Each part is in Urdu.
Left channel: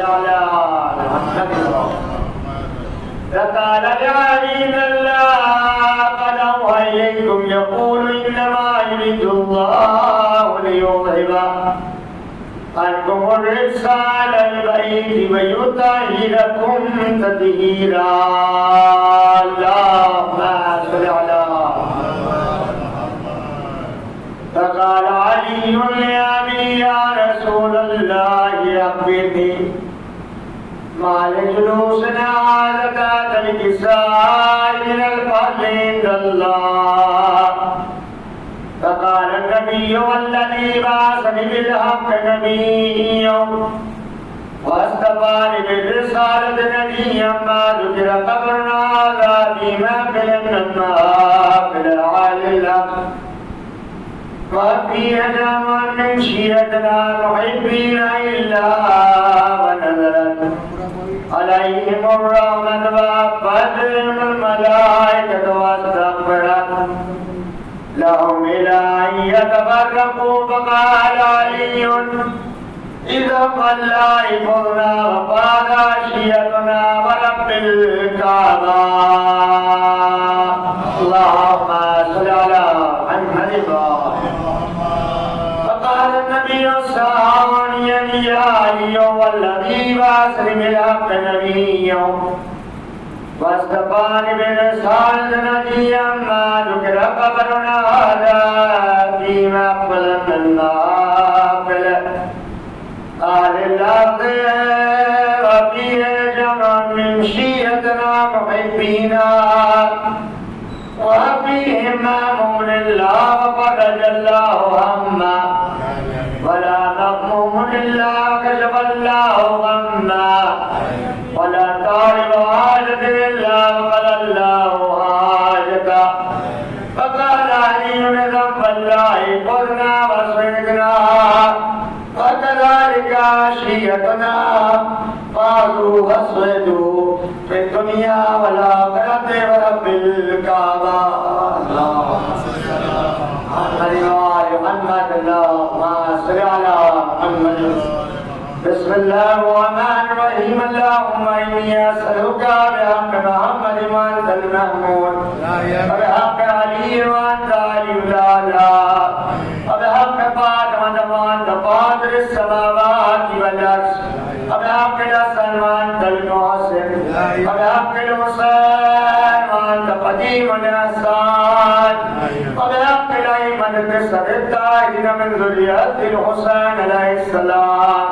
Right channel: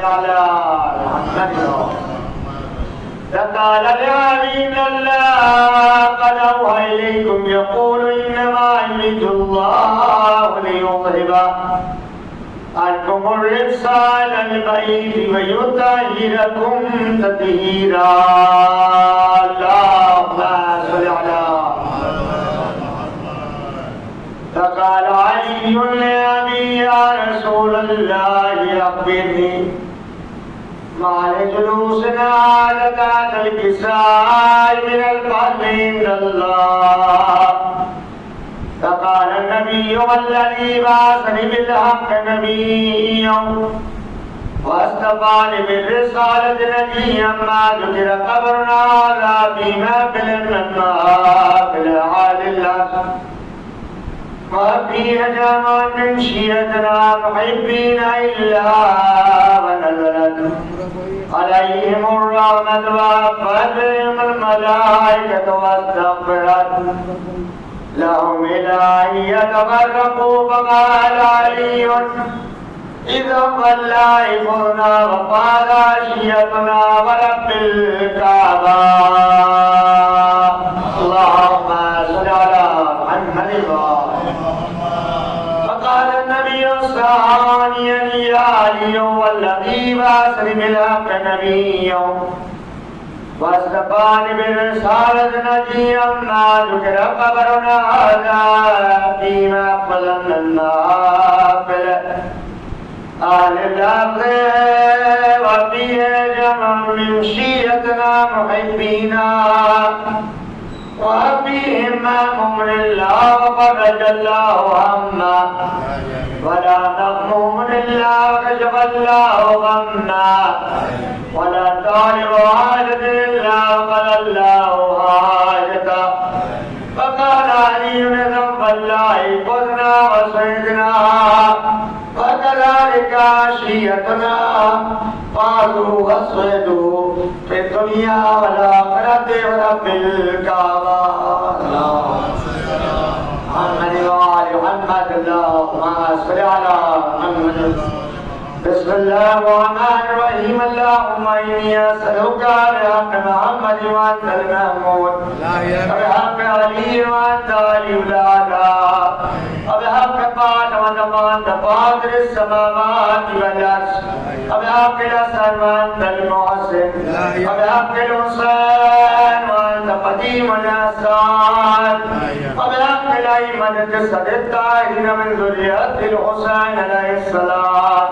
على فقال لعبيد الله قد أوحى إليكم يقول إنما يريد الله ليذهب عنكم الرجس أهل البيت ويطهركم تطهيرا. اللهم صل على. فقال علي لأبي يا رسول الله أخبرني ما لجلوسنا ذات الكساء من الفضل عند الله. فقال النبي والذي بعثني بالحق نبيا واصطفاني بالرسالة نبيا ما ذكر قبرنا هذا في محفل محافل أهل الأرض وفي جمع من شيعتنا محبين إلا ونزلت عليهم الرحمة وأخذتهم الملائكة واستغفرت لهم إلى أن يتفرقوا. فقال علي إذا الله يفرنا وقال شيعتنا ورب الكعبة. اللهم صل على محمد. فقال النبي ثانيا يا علي والذي بعثني بالحق نبيا واصطفاني بالرسالة نبيا ما ذكر قبرنا هذا فيما أقبل من نافل أهل الأرض وفيه جمع من شيعتنا محبينا وفيهم مأمون الله وفرج الله هما ولا مغموم إلا كشف الله غما ولا طالب حاجة إلا وقضى الله حاجته. فقال علي بذنب الله قلنا وصيدنا وكذلك عشيتنا قالوا وصيدوا في الدنيا والآخرة ورب الكعبة. محمد اللهم صل على محمد. بسم الله الرحمن الرحيم. اللهم إني أسألك بحق محمد وأنت المحمود وبحق علي وأنت علي الأعلى وبحق فاطمة وأنت فاطر السماوات والأرض وبحق الحسن وأنت المحسن وبحق الحسين وأنت قديم الإحسان وبحق الأئمة الطاهرين من ذرية الحسين عليه السلام.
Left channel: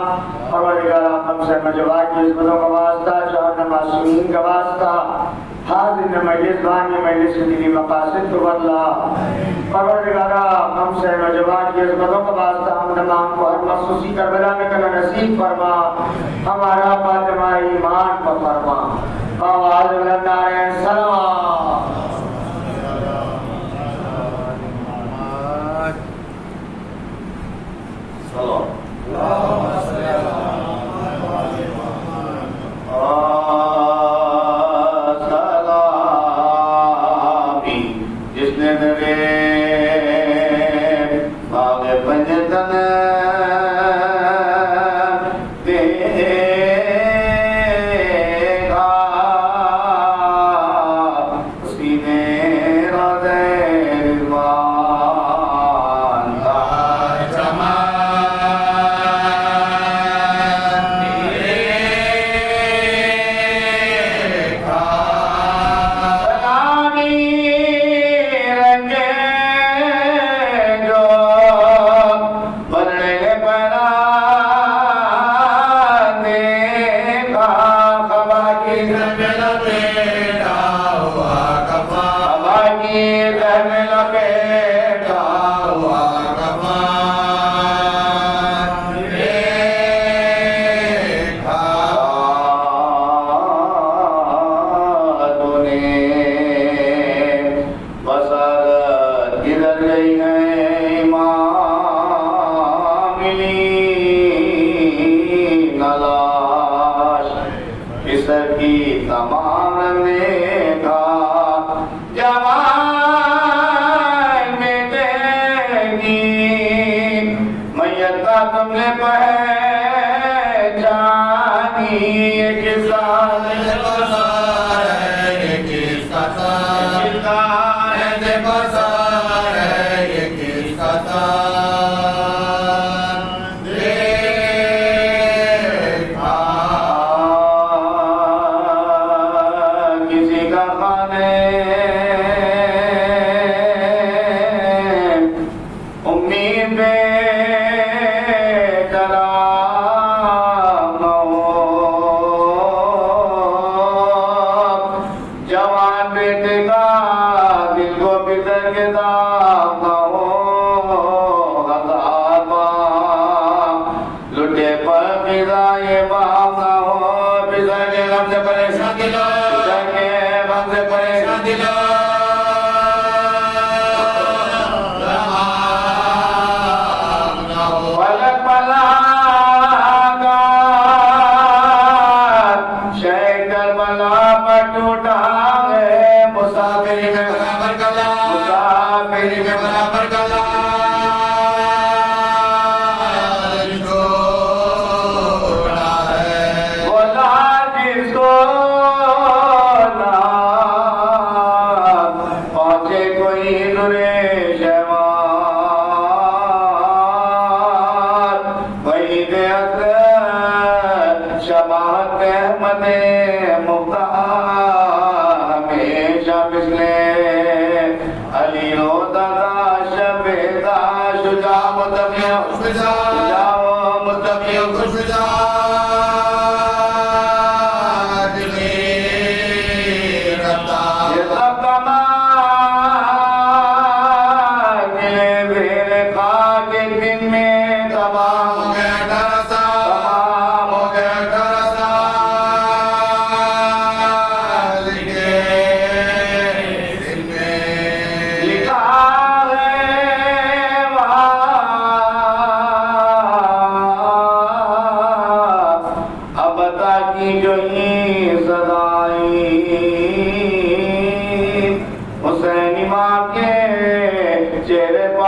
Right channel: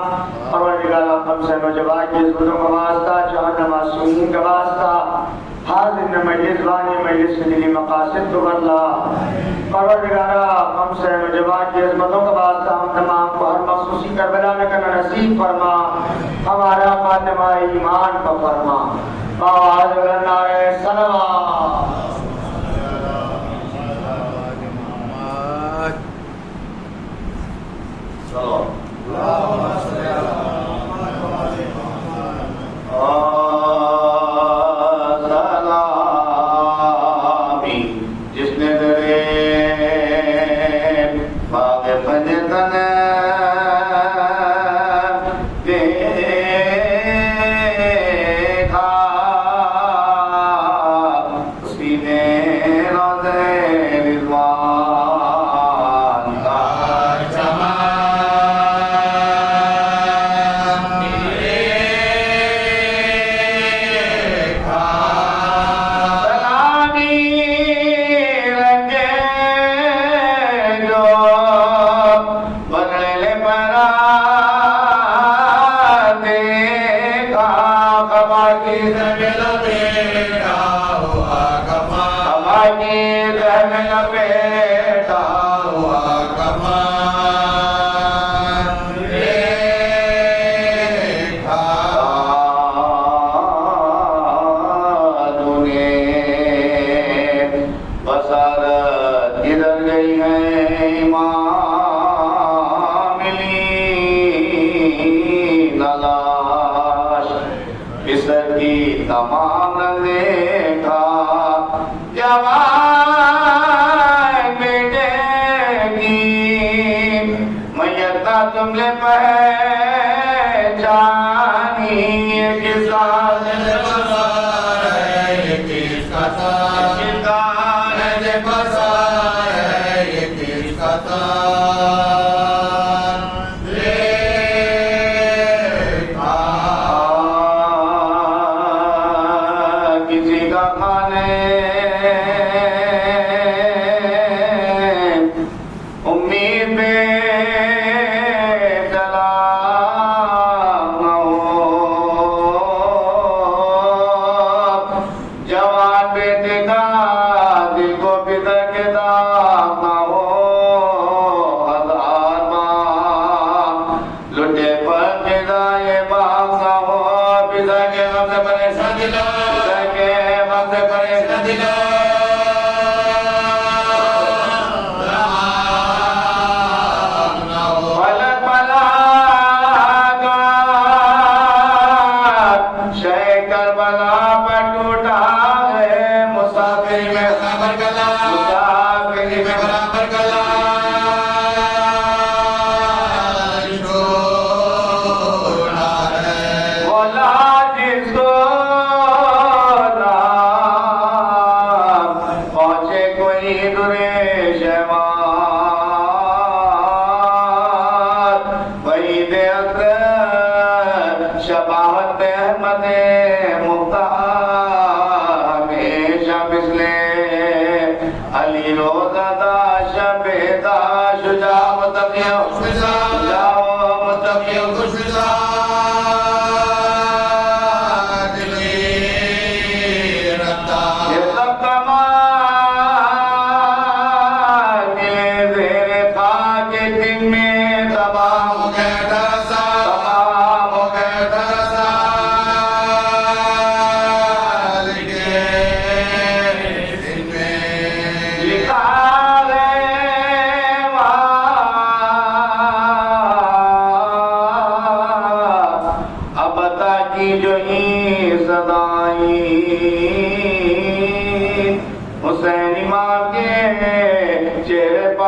پروردگار ہم سے مجبور کی عزتوں کا واسطہ چاہنا معصومین کا واسطہ حاضر میں مجلس وانی مجلس کے دینی مقاصد تو اللہ. پروردگار ہم سے مجبور کی عزتوں کا واسطہ ہم تمام کو ہر مخصوصی کربلا میں کرنا نصیب فرما. ہمارا فاطمہ ایمان پر فرما. آواز بلند نعرہ سلام. جس نے میرے باغ پنجتن دیکھا اسی نے روزے رضوان کا تمام دیکھا جوان مٹے گی میت کا تم نے پہچانی یہ کس کا بازار ہے، یہ کس کا تار ہے، بازار ہے، یہ کس کا تار کسی کا خانے امید شباہت احمد مختار ہمیشہ مثلے علی روزہ دا شبیدہ شجاع متقیہ شجاع متقیہ خوشفزا دلی رتا یہ سب کمان یہ زیر خاک دن میں تمام ہو گیا ڈرسا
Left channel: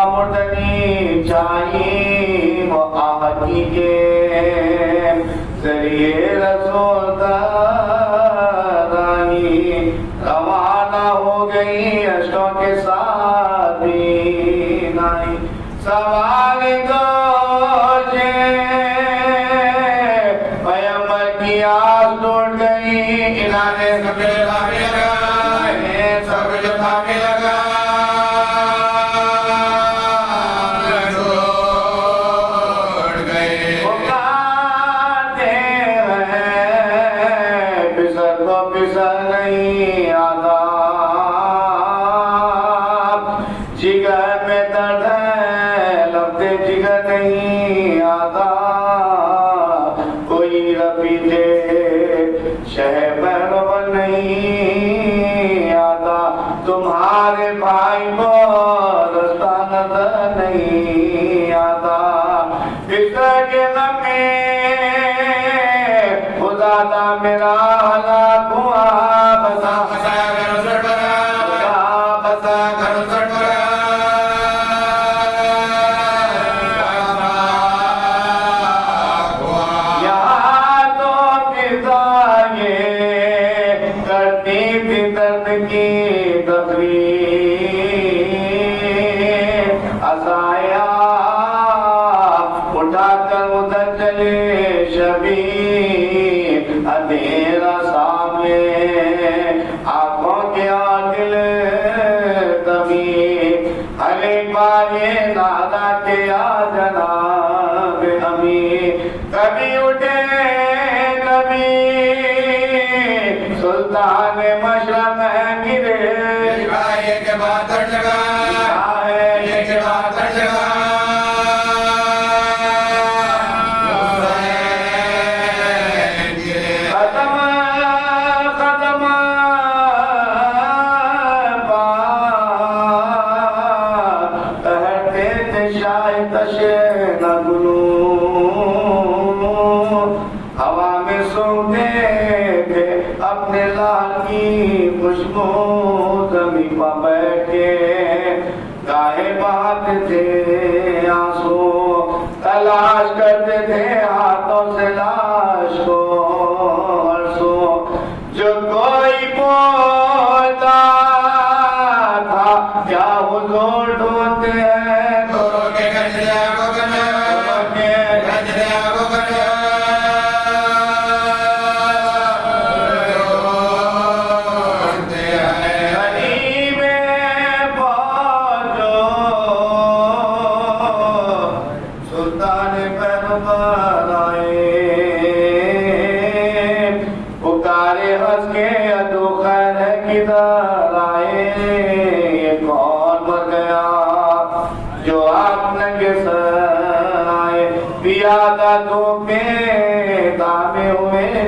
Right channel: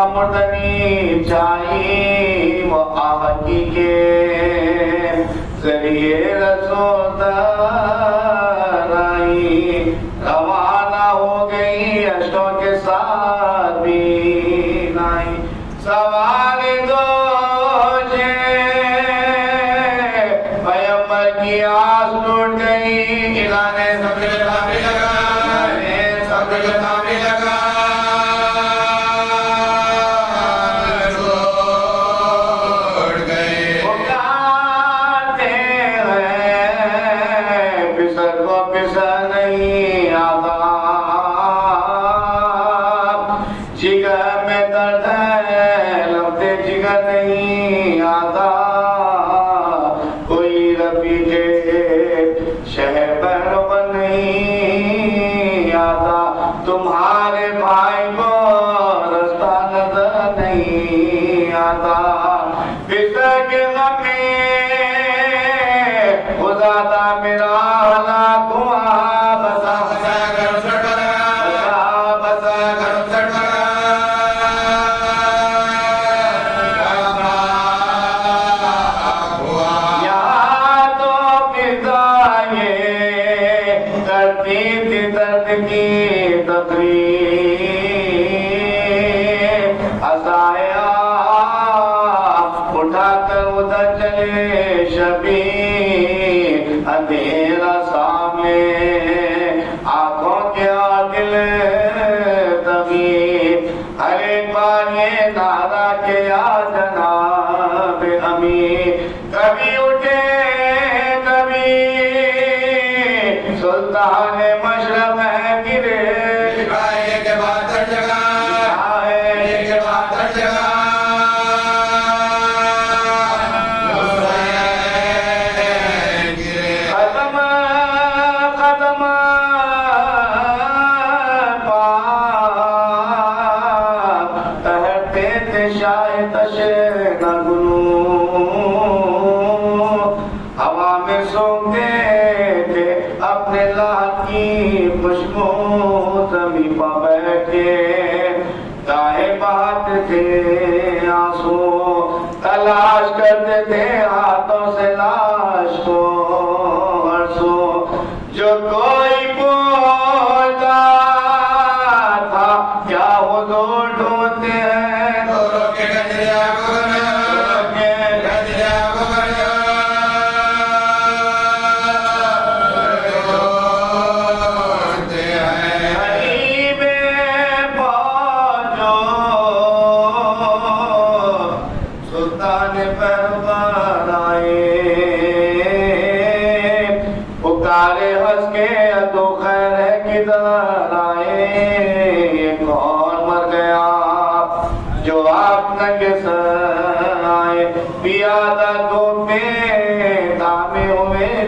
مردنی چاہیے وہ آہدی کے ذریعے رسول ترائی روانہ ہو گئی اشکوں کے ساتھ دین آئی سوال دوشے پیمبر کی آس ٹوٹ گئی الہ نے سب جو تھامی لگا سب جو تھامی لگا نہیں آتا جگر میں درد ہے لفظ جگر نہیں آتا کوئی ربی دے شہر بہنوں نہیں آتا تمہارے بھائی کو رستہ نظر نہیں آتا بسر کے غم میں خدا دا میرا ہلاک ہوا بسا بسا گھر سٹ بنا بسا بسا گھر سٹ بنا یہاں تو فضائے کرتی تھی درد کی تقریر عصایا اٹھا کر ادھر چلے شبیر اندھیرا سامنے آنکھوں کے آگل تبھی ہر ایک بار یہ نعرہ کہ یا جناب امی کبھی اٹھے کبھی سلطان مشرق گرے یہ کے بعد ہر جگہ یہ کے بعد ہر جگہ ہوا میں سونگتے تھے اپنے لال کی خوشبو زمین پر بیٹھے گاہے بہاتے تھے آنسو تلاش کرتے تھے ہاتھوں سے لاش کو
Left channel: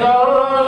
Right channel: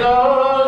Lord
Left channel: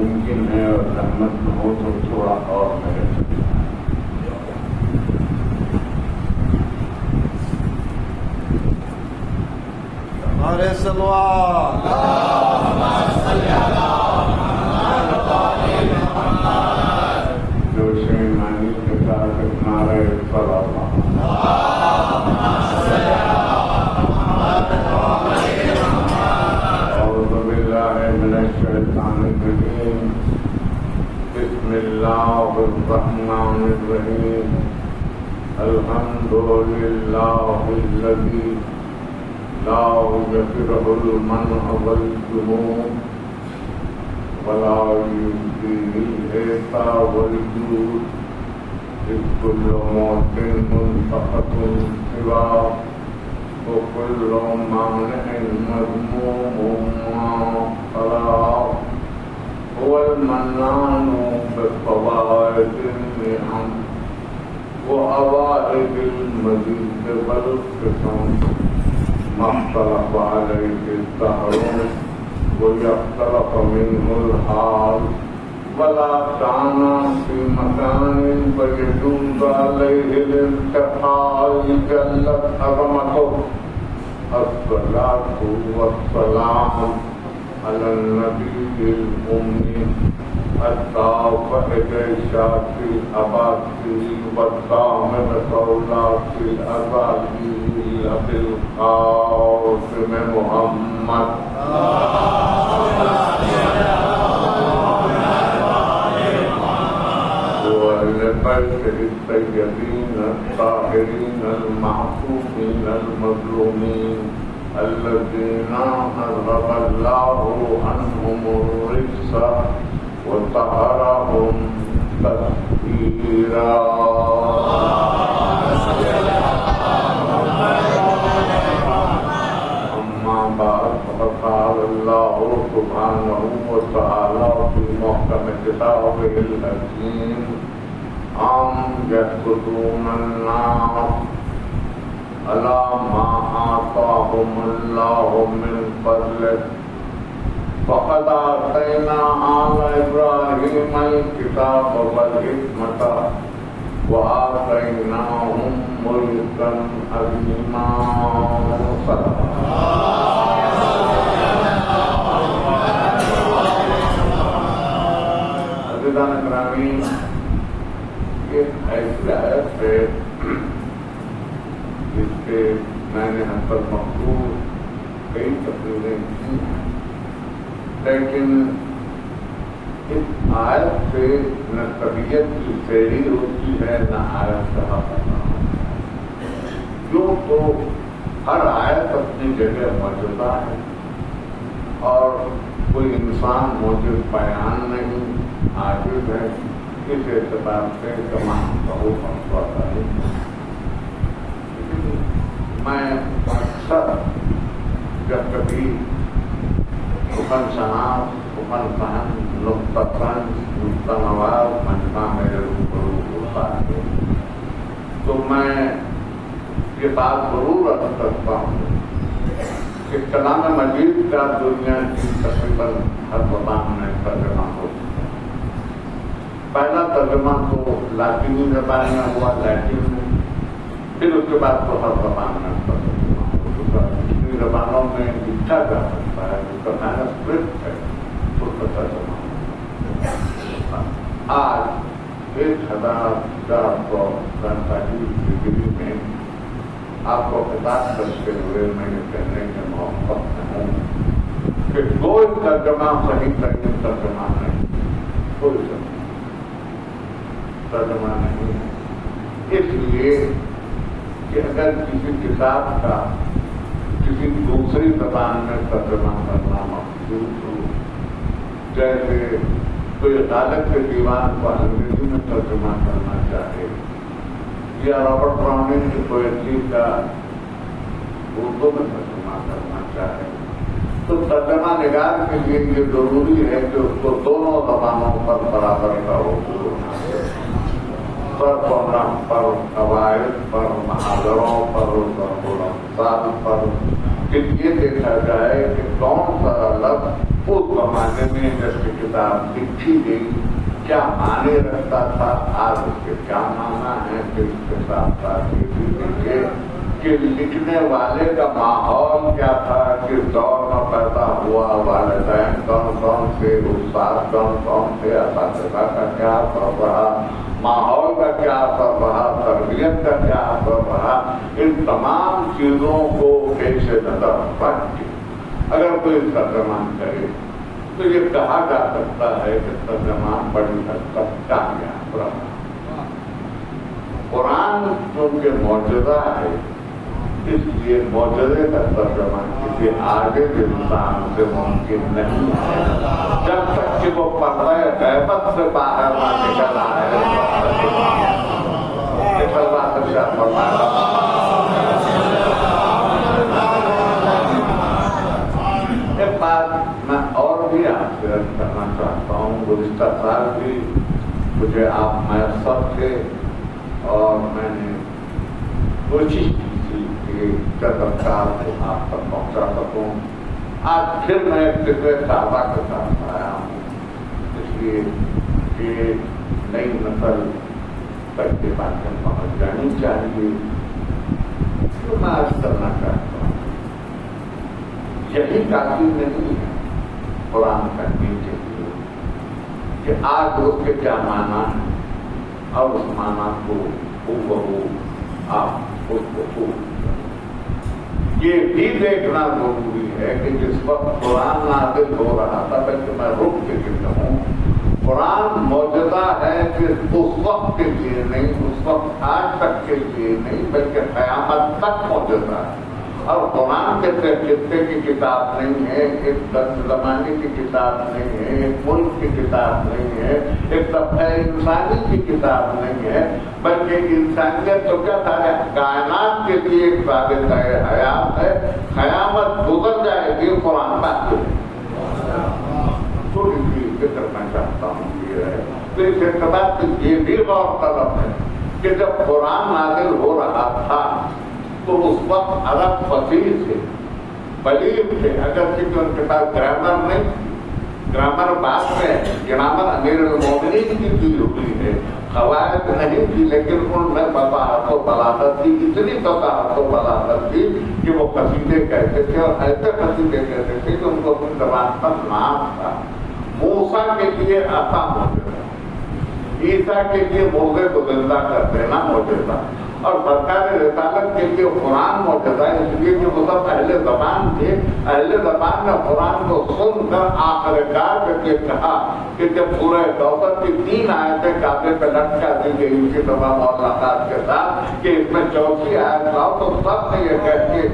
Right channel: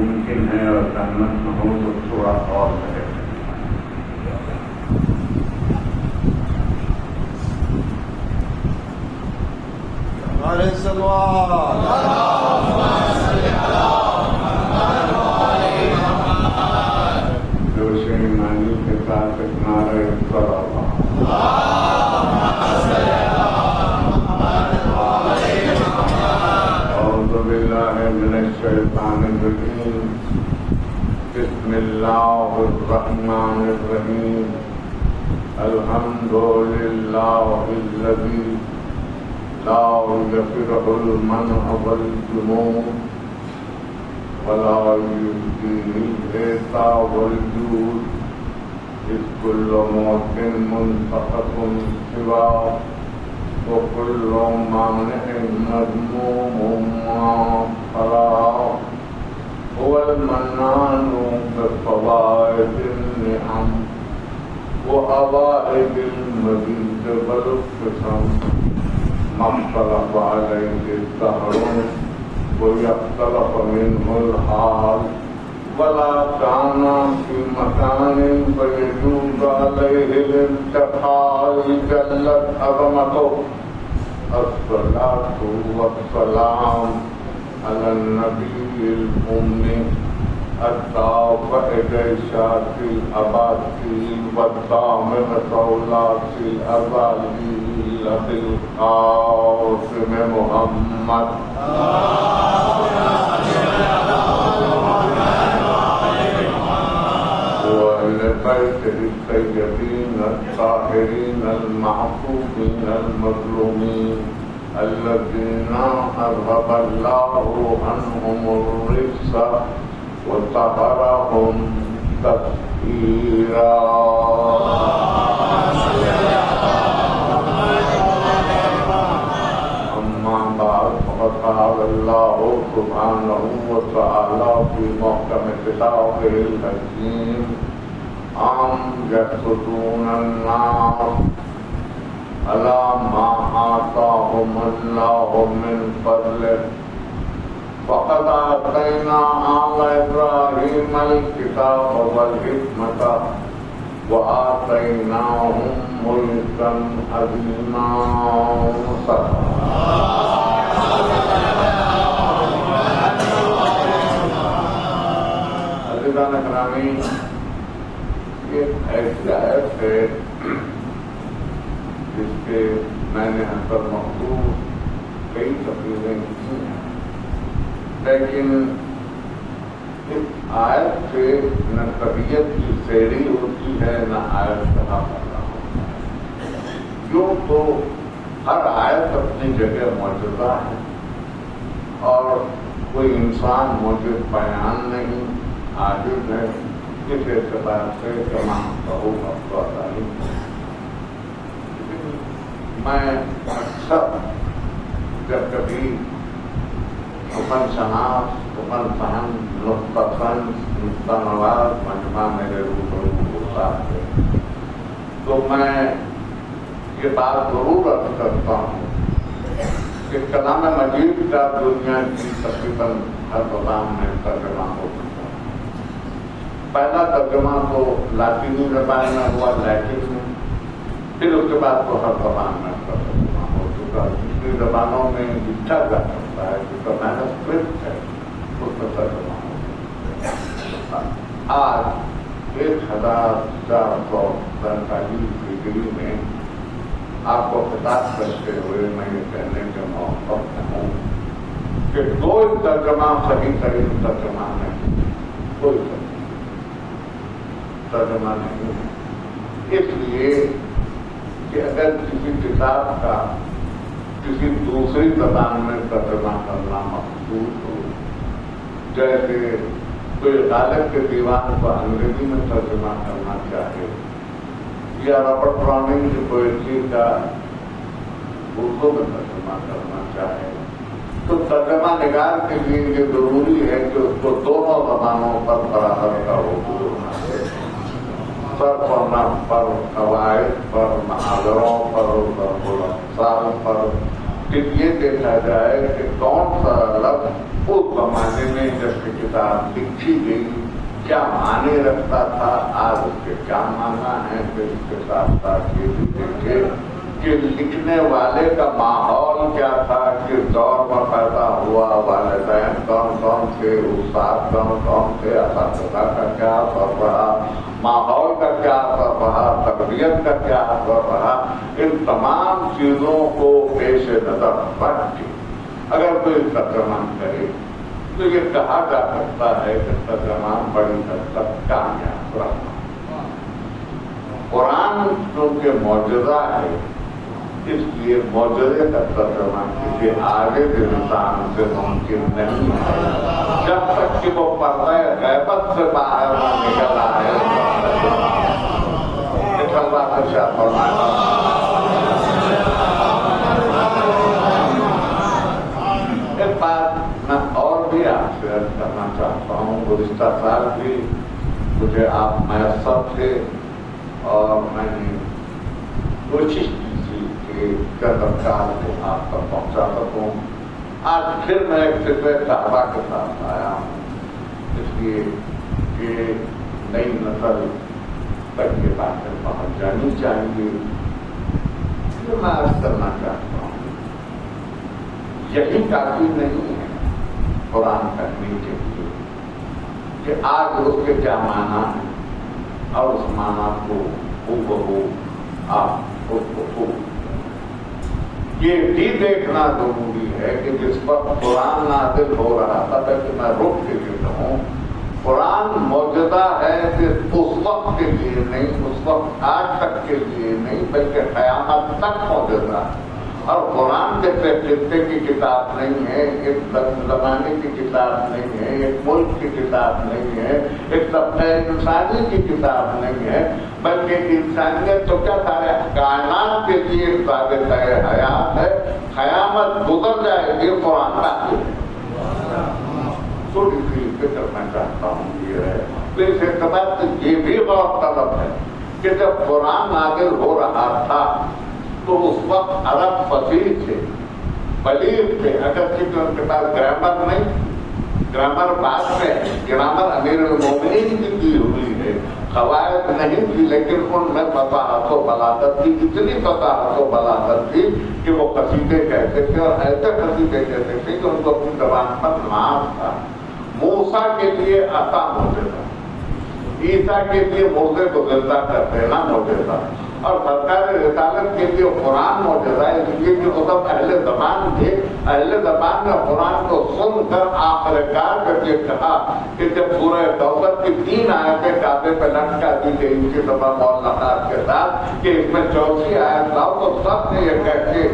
ممکن ہے اور سہمت نہ ہو تو تھوڑا اور کرے. روشنی کے ساتھ ہمارے أعوذ بالله من الشيطان الرجيم. بسم الله الرحمن الرحيم. الحمد لله الذي لا يغفره المنع والجنون ولا يؤتيه الإعطاء والجود إذ كل موت منتقة سواه وكل مانع مذموم خلاق. هو المنان بفوائد النعم وعوائد المزيد والقسم ما اختلف عليه الدهر ويختلف منه الحال ولا كان في مكان فيجوز عليه الانتقال جلت عظمته. الصلاة والسلام على النبي الأمي الدافع جيشات الأباطيل والضامن صولات الأباطيل بالقاسم محمد ولبيته الطيبين الطاهرين المعصومين المظلومين الذين أذهب الله عنهم الرجس وطهرهم تطهيرا. أما بعد فقد قال الله سبحانه وتعالى في محكم كتابه الحكيم أم يحسدون الناس على ما آتاهم الله من فضله فقد آتينا آل إبراهيم الكتاب والحكمة وآتيناهم ملكا عظيما. عزیزان گرامی، یہ ایسی آیت ہے جس کے میں نے ہم پر مخصوص کئی تقریریں کی ہیں، لیکن اس آیت سے نہ طبیعت کی سیری ہوتی ہے نہ آیت کہا پیدا ہوتا ہے. جو تو ہر آیت اپنی جگہ موجودہ ہے اور کوئی انسان موجود بیان نہیں عاجز ہے، اس اعتبار سے تمام بہت افسوس ہے. میں اکثر جب کبھی حکم شناس حکم فہم نقطہ فن نقطہ نواز مجمع میرے روبرو ہوتا ہے تو میں یہ بات ضرور عرض کرتا ہوں کہ کلام مجید کا دنیا کی تقریباً ہر زبان میں ترجمہ ہو چکا ہے. پہلا ترجمہ تو لاطینی زبان میں ہوا لیٹن میں، پھر اس کے بعد تو ہر زبان میں ترجمہ ہو چکا. جتنی زبانوں میں لکھا جا سکتا ہے جس کا مینوسکرپٹ ہے اس میں ترجمہ ہو. آج 1447 ڈگری میں آپ کو خطاب کرتے ہوئے میں یہ کہنے کے موقع میں ہوں کہ کوئی ترجمہ صحیح ترین ترجمہ نہیں، کوئی ترجمہ نہیں ہے. اس لیے کہ اگر کسی کتاب کا کسی دوسری زبان میں ترجمہ کرنا مقصود ہو، جیسے کوئی غالب کے دیوان کو انگریزی میں ترجمہ کرنا چاہے یا رابرٹ براؤننگ کی پوئٹری کا اردو میں ترجمہ کرنا چاہے تو ترجمہ نگار کے لیے یہ ضروری ہے کہ اس کو دونوں زبانوں پر برابر کا اردو ہونا ہے. پر قواعد پر محاوروں پر الفاظ پر یہ دیکھا جائے کہ کون سا لفظ اس زمانے میں جیسے کتاب لکھی گئی کیا معنی رکھتا تھا، آج اس کے کیا مانا ہے، پھر اس کے ساتھ ساتھ یہ بھی دیکھیے کہ لکھنے والے کا ماحول کیا تھا، کس دور میں پیدا ہوا، والدین کون کون تھے، استاد کون کون تھے، اساتذہ کا کیا اثر رہا، ماحول کا کیا اثر رہا، تربیت کا کیا اثر رہا، ان تمام چیزوں کو پیش نظر رکھ کے اگر کوئی ترجمہ کرے تو یہ کہا جا سکتا ہے کہ ترجمہ بڑی حد تک کامیاب رہا۔ قرآن چونکہ معجزہ ہے، اس لیے معجزے کا ترجمہ کسی آگے کے انسان سے ممکن نہیں ہے، جب تک کہ وہ پردہ غیبت سے باہر نہ نکل آئے۔ ایک بات میں اور بھی آپ سے عرض کرنا چاہتا ہوں، گزشتہ سال بھی مجھے آپ میسر تھے اور میں نے کوشش کی تھی کہ چترکار کو آپ تک پہنچا سکوں۔ آج پھر میں ایک فکر تازہ کے ساتھ آیا ہوں، اس لیے کہ نئی نسل تک کے باتیں پہنچ جانی چاہیے۔ تو میں عرض کرنا چاہتا ہوں یہی کافی نہیں ہے قرآن کرنے کے لیے کہ آج اس کے کیا مانا ہے اور اس مانا کو بہو آپ اس کو خوب یہ بھی دیکھنا ضروری ہے کہ جس وقت قرآن نازل ہو رہا تھا بلکہ میں رک کے کہوں قرآن موجودہ ہے صرف اس وقت کے لیے نہیں، اس وقت آج تک کے لیے نہیں، بلکہ قیامت تک موجودہ ہے۔ اور قرآن کے خطے کی کتاب نہیں ہے، ایک زمانے کی کتاب نہیں ہے، ایک ملک کی کتاب نہیں ہے، ایک طبقہ انسانی کی کتاب نہیں ہے، بلکہ انسانیت تو کیا سارے کائنات کے لیے ایک ثابت حیات ہے۔ قیامت گزر جائے گی، قرآن باقی ہے۔ تھوڑی سی فکر میں چاہتا ہوں یہ ہے، تو اس اعتبار سے یہ بھی غور طلب ہے کہ جب قرآن نازل ہو رہا تھا تو اس وقت عرب فصیح تھے، بلیغ تھے، اگرچہ ان کے پاس گرامر نہیں، گرامر بعد میں، گرامر امیر المومنین کی ہوئی ہے، قواعد نہیں تھی، لیکن ان میں فصاحت و بلاغت تھی، اتنی فصاحت و بلاغت تھی کہ وہ قصیدے کہتے تھے اور ایسے قصیدے کہتے تھے کہ ان کو اپنی زبان پر نام تھا۔ موسیٰ کے لیے عصا معجزہ، عیسیٰ کے لیے مردے کو زندہ کر دینا معجزہ، اور سرکار رسالت کے لیے قرآن معجزہ ہے، اس لیے کہ وہ سب اہل زبان تھے۔ اہل زبان نے قرآن کو سن کر آخرکار کر کے کہا کہ جب سورہ کوثر کی 3 آیتیں کعبے پہ لٹکا دی گئی تھی تمام معلقات کے ساتھ کہ اس میں 34 آیت لاؤ، تو سب نے یہ کہہ کے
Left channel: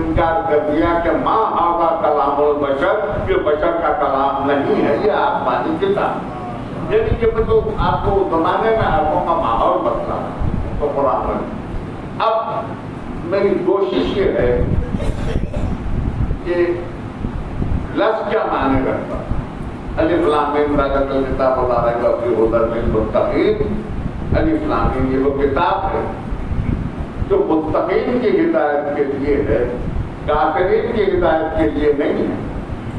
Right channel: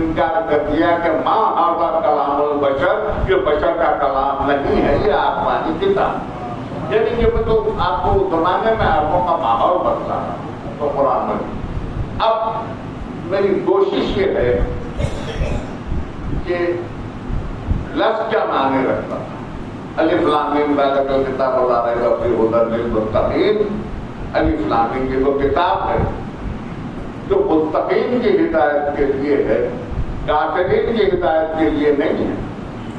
انکار کر دیا کہ ماں ھذا کلام البشر، یہ بشر کا کلام نہیں ہے، یہ آسمانی کتاب۔ یعنی کہ تو آپ کو زمانے میں عربوں کا ماحول بدلا تو قرآن میں۔ اب میری کوشش یہ ہے کہ لفظ کیا معنی رکھتا، الف لام میم ذالک الکتاب لا ریب فیہ ھدی للمتقین۔ الف لام میم یہ وہ کتاب ہے جو متقین کی ہدایت کے لیے ہے، کافرین کی ہدایت کے لیے نہیں ہے،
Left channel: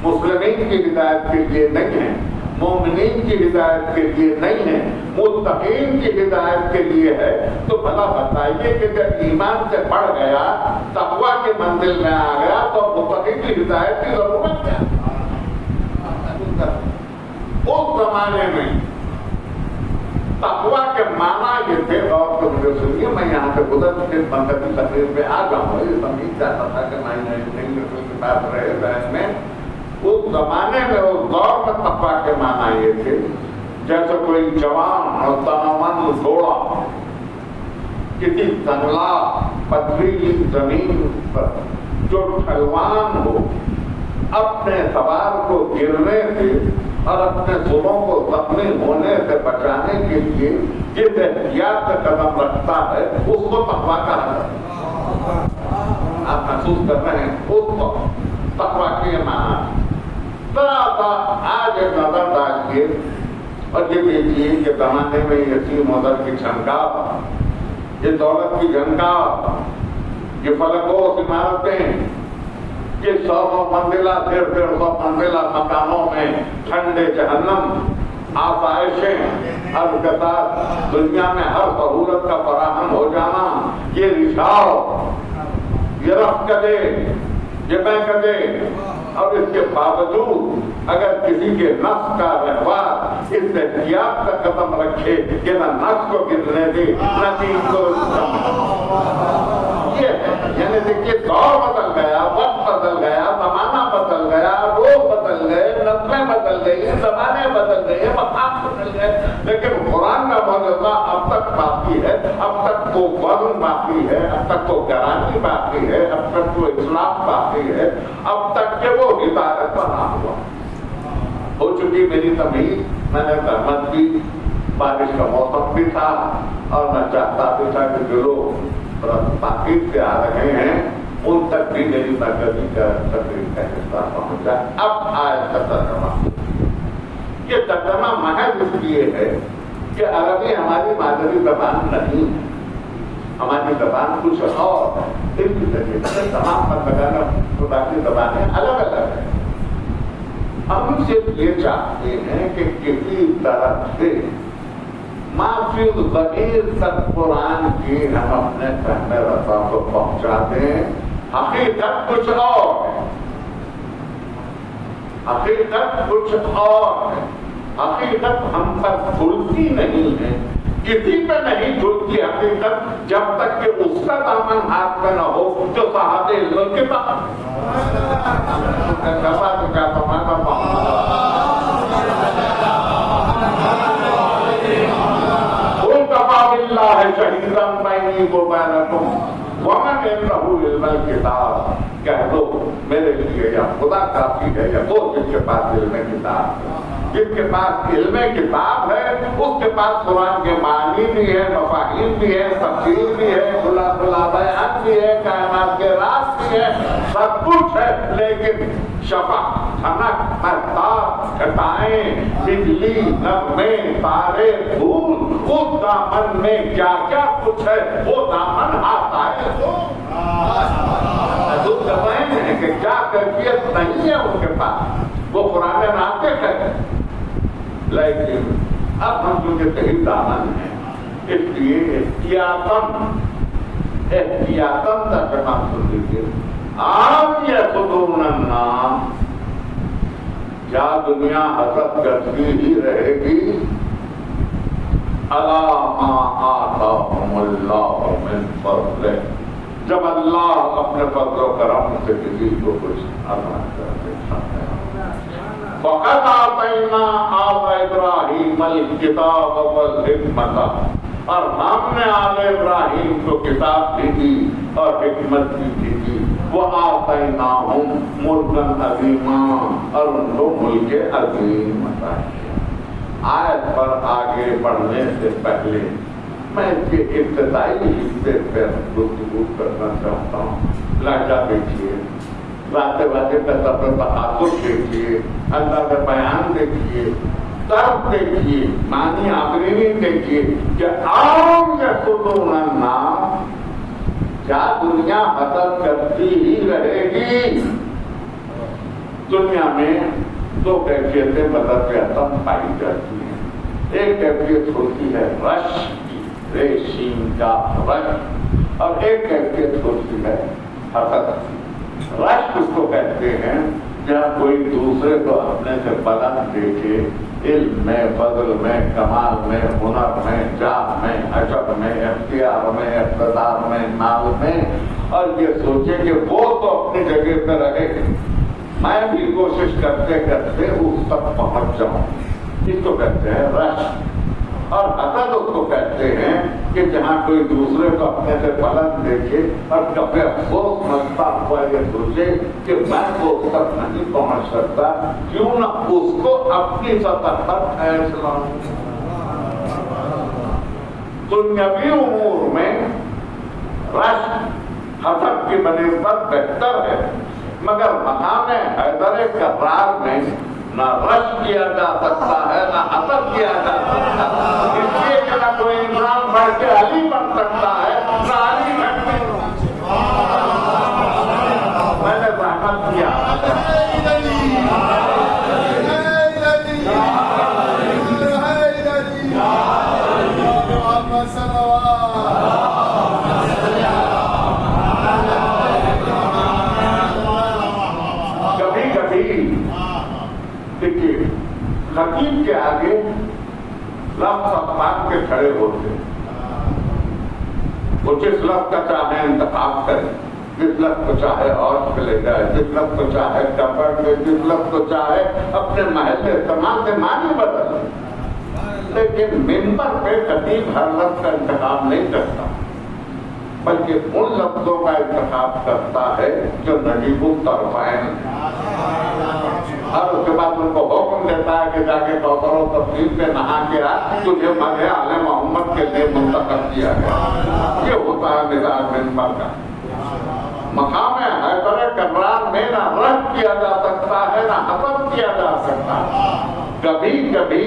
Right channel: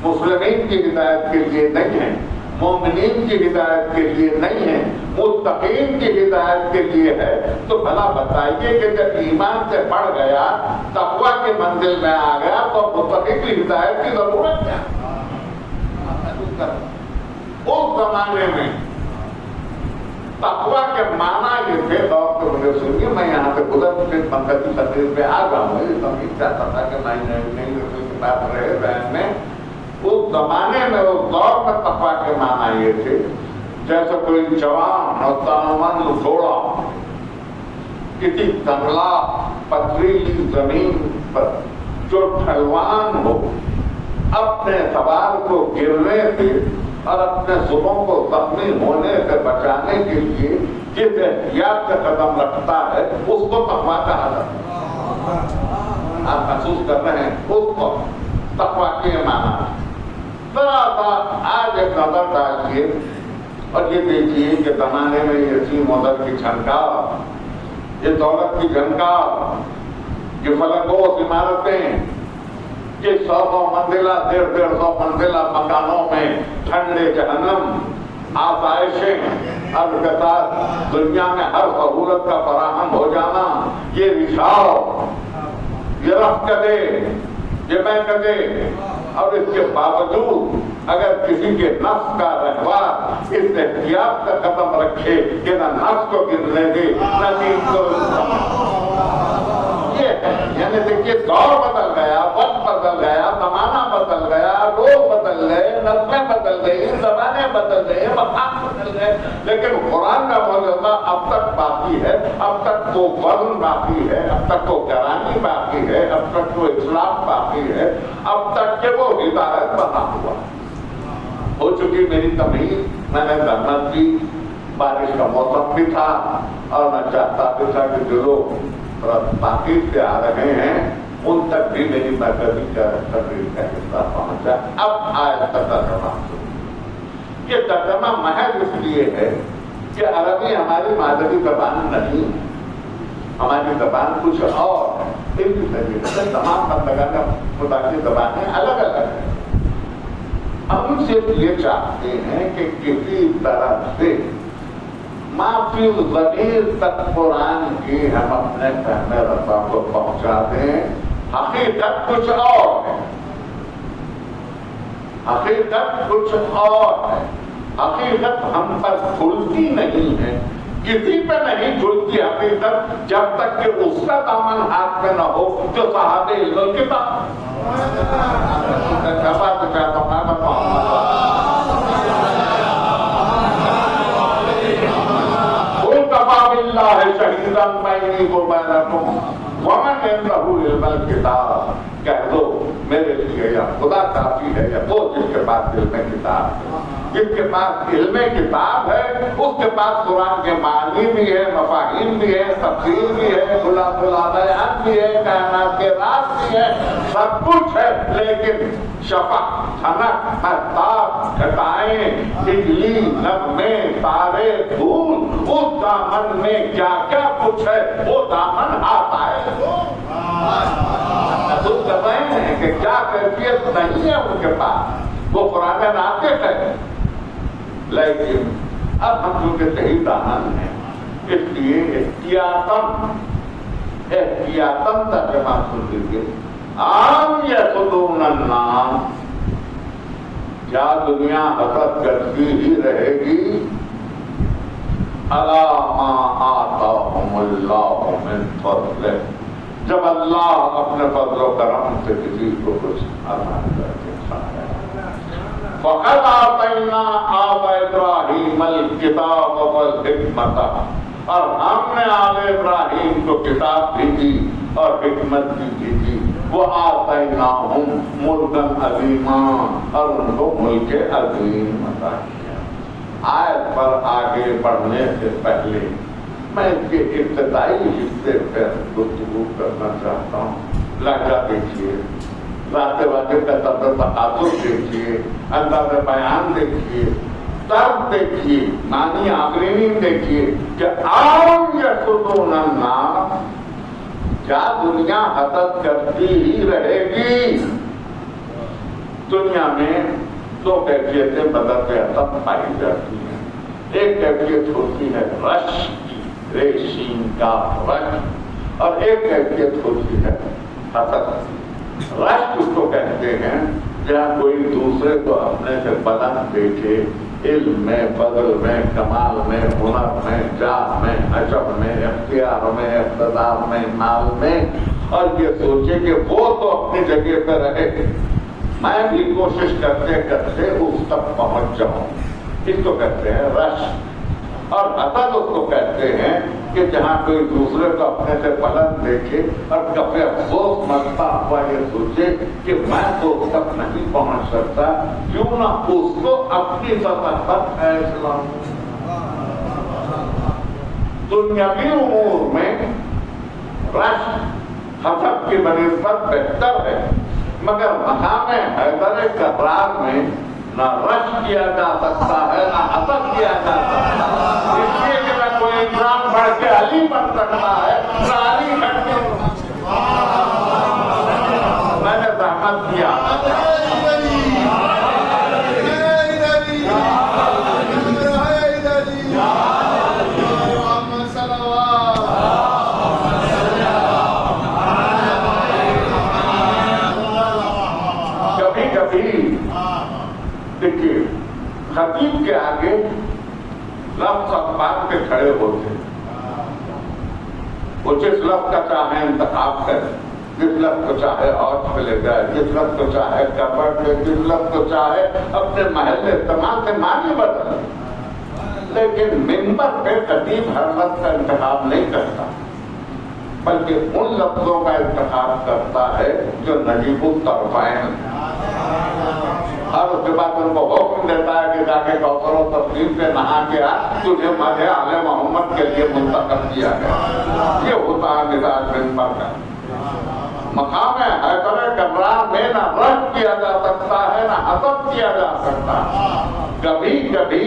مسلمین کی ہدایت کے لیے نہیں ہے، مومنین کی ہدایت کے لیے نہیں ہے، متقین کی ہدایت کے لیے ہے۔ تو بھلا بتائیے کہ جب ایمان سے بڑھ گیا، تقویٰ کے منزل میں آ گیا، تو متقین کی ہدایت کی ضرورت کیا؟ اس زمانے میں تقویٰ کے معنی یہ تھے، اور تو مجھے سنیے میں یہاں سے گزر کے مذہبی تقریر پہ آ جاؤں گا، یہ سمجھ چاہتا تھا کہ نہیں بات رہے ذہن میں۔ اس زمانے میں اس دور میں تقویٰ کے معنی یہ تھے جیسے کوئی جوان اور تنومند گھوڑا کسی تنگلا پتھریلی زمین پر جو ڈھلوان ہو، اپنے سوار کو گرنے سے اور اپنے زبوں کو زخمی ہونے سے بچانے کے لیے جس احتیاط سے قدم رکھتا ہے اس کو تقویٰ کہا جاتا ہے۔ آپ محسوس کر رہے ہیں اس کو تقویٰ کے معنی ہے۔ ذرا سا آج ایک نظر ڈالیے اور یہ دیکھیے کہ زمانے میں یہ سیم ادر کی جھنکار، یہ دولت کی جھنکار، یہ فلکوس عمارتیں، کہ 100 منزلہ 150 منزلہ مکانوں میں ٹھنڈے جہنم آسائشیں البتہ دنیا میں ہر سہولت کا فراہم ہو جانا، یہ رشاو، یہ رفع کدے، یہ میں کدے، اور اس کے باوجود اگر کسی کے نفس کا رہبر اس احتیاط کا قدم رکھے کہ نہ نفس کو گرنے دے نہ نیند کو، یہ ہے یعنی دیکھیے دور بدل گیا، وقت بدل گیا، زمانہ بدل گیا، لوگ بدل گئے، نسلیں بدل گئی، زبانیں بدل گئی، مقام بدل گئے، لیکن قرآن کا موجودہ اب تک باقی ہے، اب تک وہ وزن باقی ہے، اب تک وہ گرانی باقی ہے، اب تک وہ اصلاح باقی ہے، اب تک کہ وہ ہدایت بنا ہوا ہو چکی میری تمہید۔ میں نے رحمت کی، بارش کا موسم بھی تھا اور میں چاہتا بھی تھا کہ جو لوگ باقی سے آ رہے ہیں ان تک بھی میری مرکزی کا تقریر کا حصہ پہنچا۔ اب آئے ترجمہ، یہ ترجمہ محض اس لیے ہے کہ عربی ہماری مادری زبان نہیں، ہماری زبان کچھ اور ہے، اس کی طریقے سے تمام مطلب خدا کی زبانیں الگ الگ ہیں۔ ہم صرف یہ چاہتے ہیں کہ کسی طرح سے معافی ضمیر تک قرآن کی ہم اپنے فہم رسا کو پہنچا دیں۔ حقیقت کچھ اور ہے، حقیقت کچھ اور ہے، حقیقت ہم پر کھلتی نہیں ہے، کسی پہ نہیں کھلتی حقیقت جب تک کہ اس کا دامن ہاتھ میں نہ ہو جو صاحب علم کتاب اللہ شہیداً بینی و بینکم ومن عنده علم الکتاب، کہہ دو میرے لیے یا خدا کافی ہے یا وہ جس کے پاس علم کتاب ہے، جس کے پاس علم کتاب ہے اس کے پاس قرآن کے معنی بھی ہے، مفاہیم بھی ہے، تفسیر بھی ہے، خلاصہ بیان بھی ہے، کائنات کے راز بھی ہے، سب کچھ ہے، لیکن شفا، ٹھنک، مہتاب، گھٹائیں، بجلی، نغمے، تارے، دھول، اس دامن میں کیا کیا کچھ ہے وہ دامن ہاتھ آئے تو دبائیں ہیں کہ کیا کیفیت نہیں ہے ان کے پاس، وہ قرآن ناطق ہے، لیکن اب ہم ان کے صحیح دامن ہیں، اس لیے احتیاطاً ترجمہ سن لیجیے۔ عام یحسدون الناس، کیا دنیا حسد کرتی ہی رہے گی علی ما آتاہم اللہ من فضلہ، جب اللہ اپنے فضل و کرم سے کسی کو کچھ عطا کر دیتا ہے۔ فقد آتینا آل ابراہیم الکتاب والحکمۃ، اور ہم نے آل ابراہیم کو کتاب بھی دی اور حکمت بھی دی، وہ آتیناہم ملکا عظیما، اور ان کو ملک عظیم عطا کیا۔ آیت پر آگے بڑھنے سے پہلے میں اس کے ابتدائی حصے پر گفتگو کرنا چاہتا ہوں۔ لہجہ دیکھیے، واضح واضح کا طبع تقاصر دیکھیے، انداز بیان دیکھیے، طرز دیکھیے، معنی آفرینی دیکھیے کہ عام یحسدون الناس، کیا دنیا حسد کرتی ہی رہے گی؟ دنیا میں دو کیفیتیں بدر حسد پائی جاتی ہیں، ایک کیفیت ہوتی ہے رش کی، ریشم کا رش، اور ایک کیفیت ہوتی ہے حسد کی۔ رش اس کو کہتے ہیں جہاں کوئی دوسرے کو اپنے سے بلند دیکھے، علم میں، فضل میں، کمال میں، ہنر میں، جاہ میں، حجب میں، اختیار میں، اقتدار میں، مال میں، اور یہ سوچے کہ وہ تو اپنی جگہ پہ رہے، میں بھی کوشش کرتے کرتے اس تک پہنچ جاؤں، اس کو کہتے ہیں رش۔ اور حسد اس کو کہتے ہیں کہ جہاں کوئی دوسرے کو اپنے سے بلند دیکھے اور کبھی افسوس منتا ہوا یہ سوچے کہ میں تو اس تک نہیں پہنچ سکتا، کیوں نہ اس کو اپنی سطح پر فیصلہ۔ دنیاوی امور میں رش حسد کی بنسبت بہتر ہے، مگر مقام حیدر کرار میں نہ رش کیا جا سکتا ہے نہ حسد کیا جا سکتا ہے، اس لیے کہ نہ کوئی انسان بڑھ کے علی بن سکتا ہے نہ علی گھٹ کے۔ میں نے زحمت لفظ باندھ کے کھڑے ہوتے، وہ جس لفظ کا چاہے انتخاب کرے، جس لفظ کو چاہے اور چلے جائے، جس لفظ کو چاہے کپڑ لے، جس لفظ کو چاہے اپنے محلے تمام سے معنی بدلے، لیکن ممبر پہ کبھی ہر لفظ کا انتخاب نہیں کرتا، بلکہ ان لفظوں کا انتخاب کرتا ہے جو نجیب الطرفین، اور اس کے بعد ان کو حکم دیتا ہے کہ جا کے کوثر و تفصیل سے نہا کے آ، تجھے مدح آل محمد کے لیے منتخب کیا گیا۔ یہ ہوتا ہے نظام ممبر کا مقام حیدر کمران میں نہ رد کیا جا سکتا ہے نہ حسد کیا جا سکتا۔ کبھی کبھی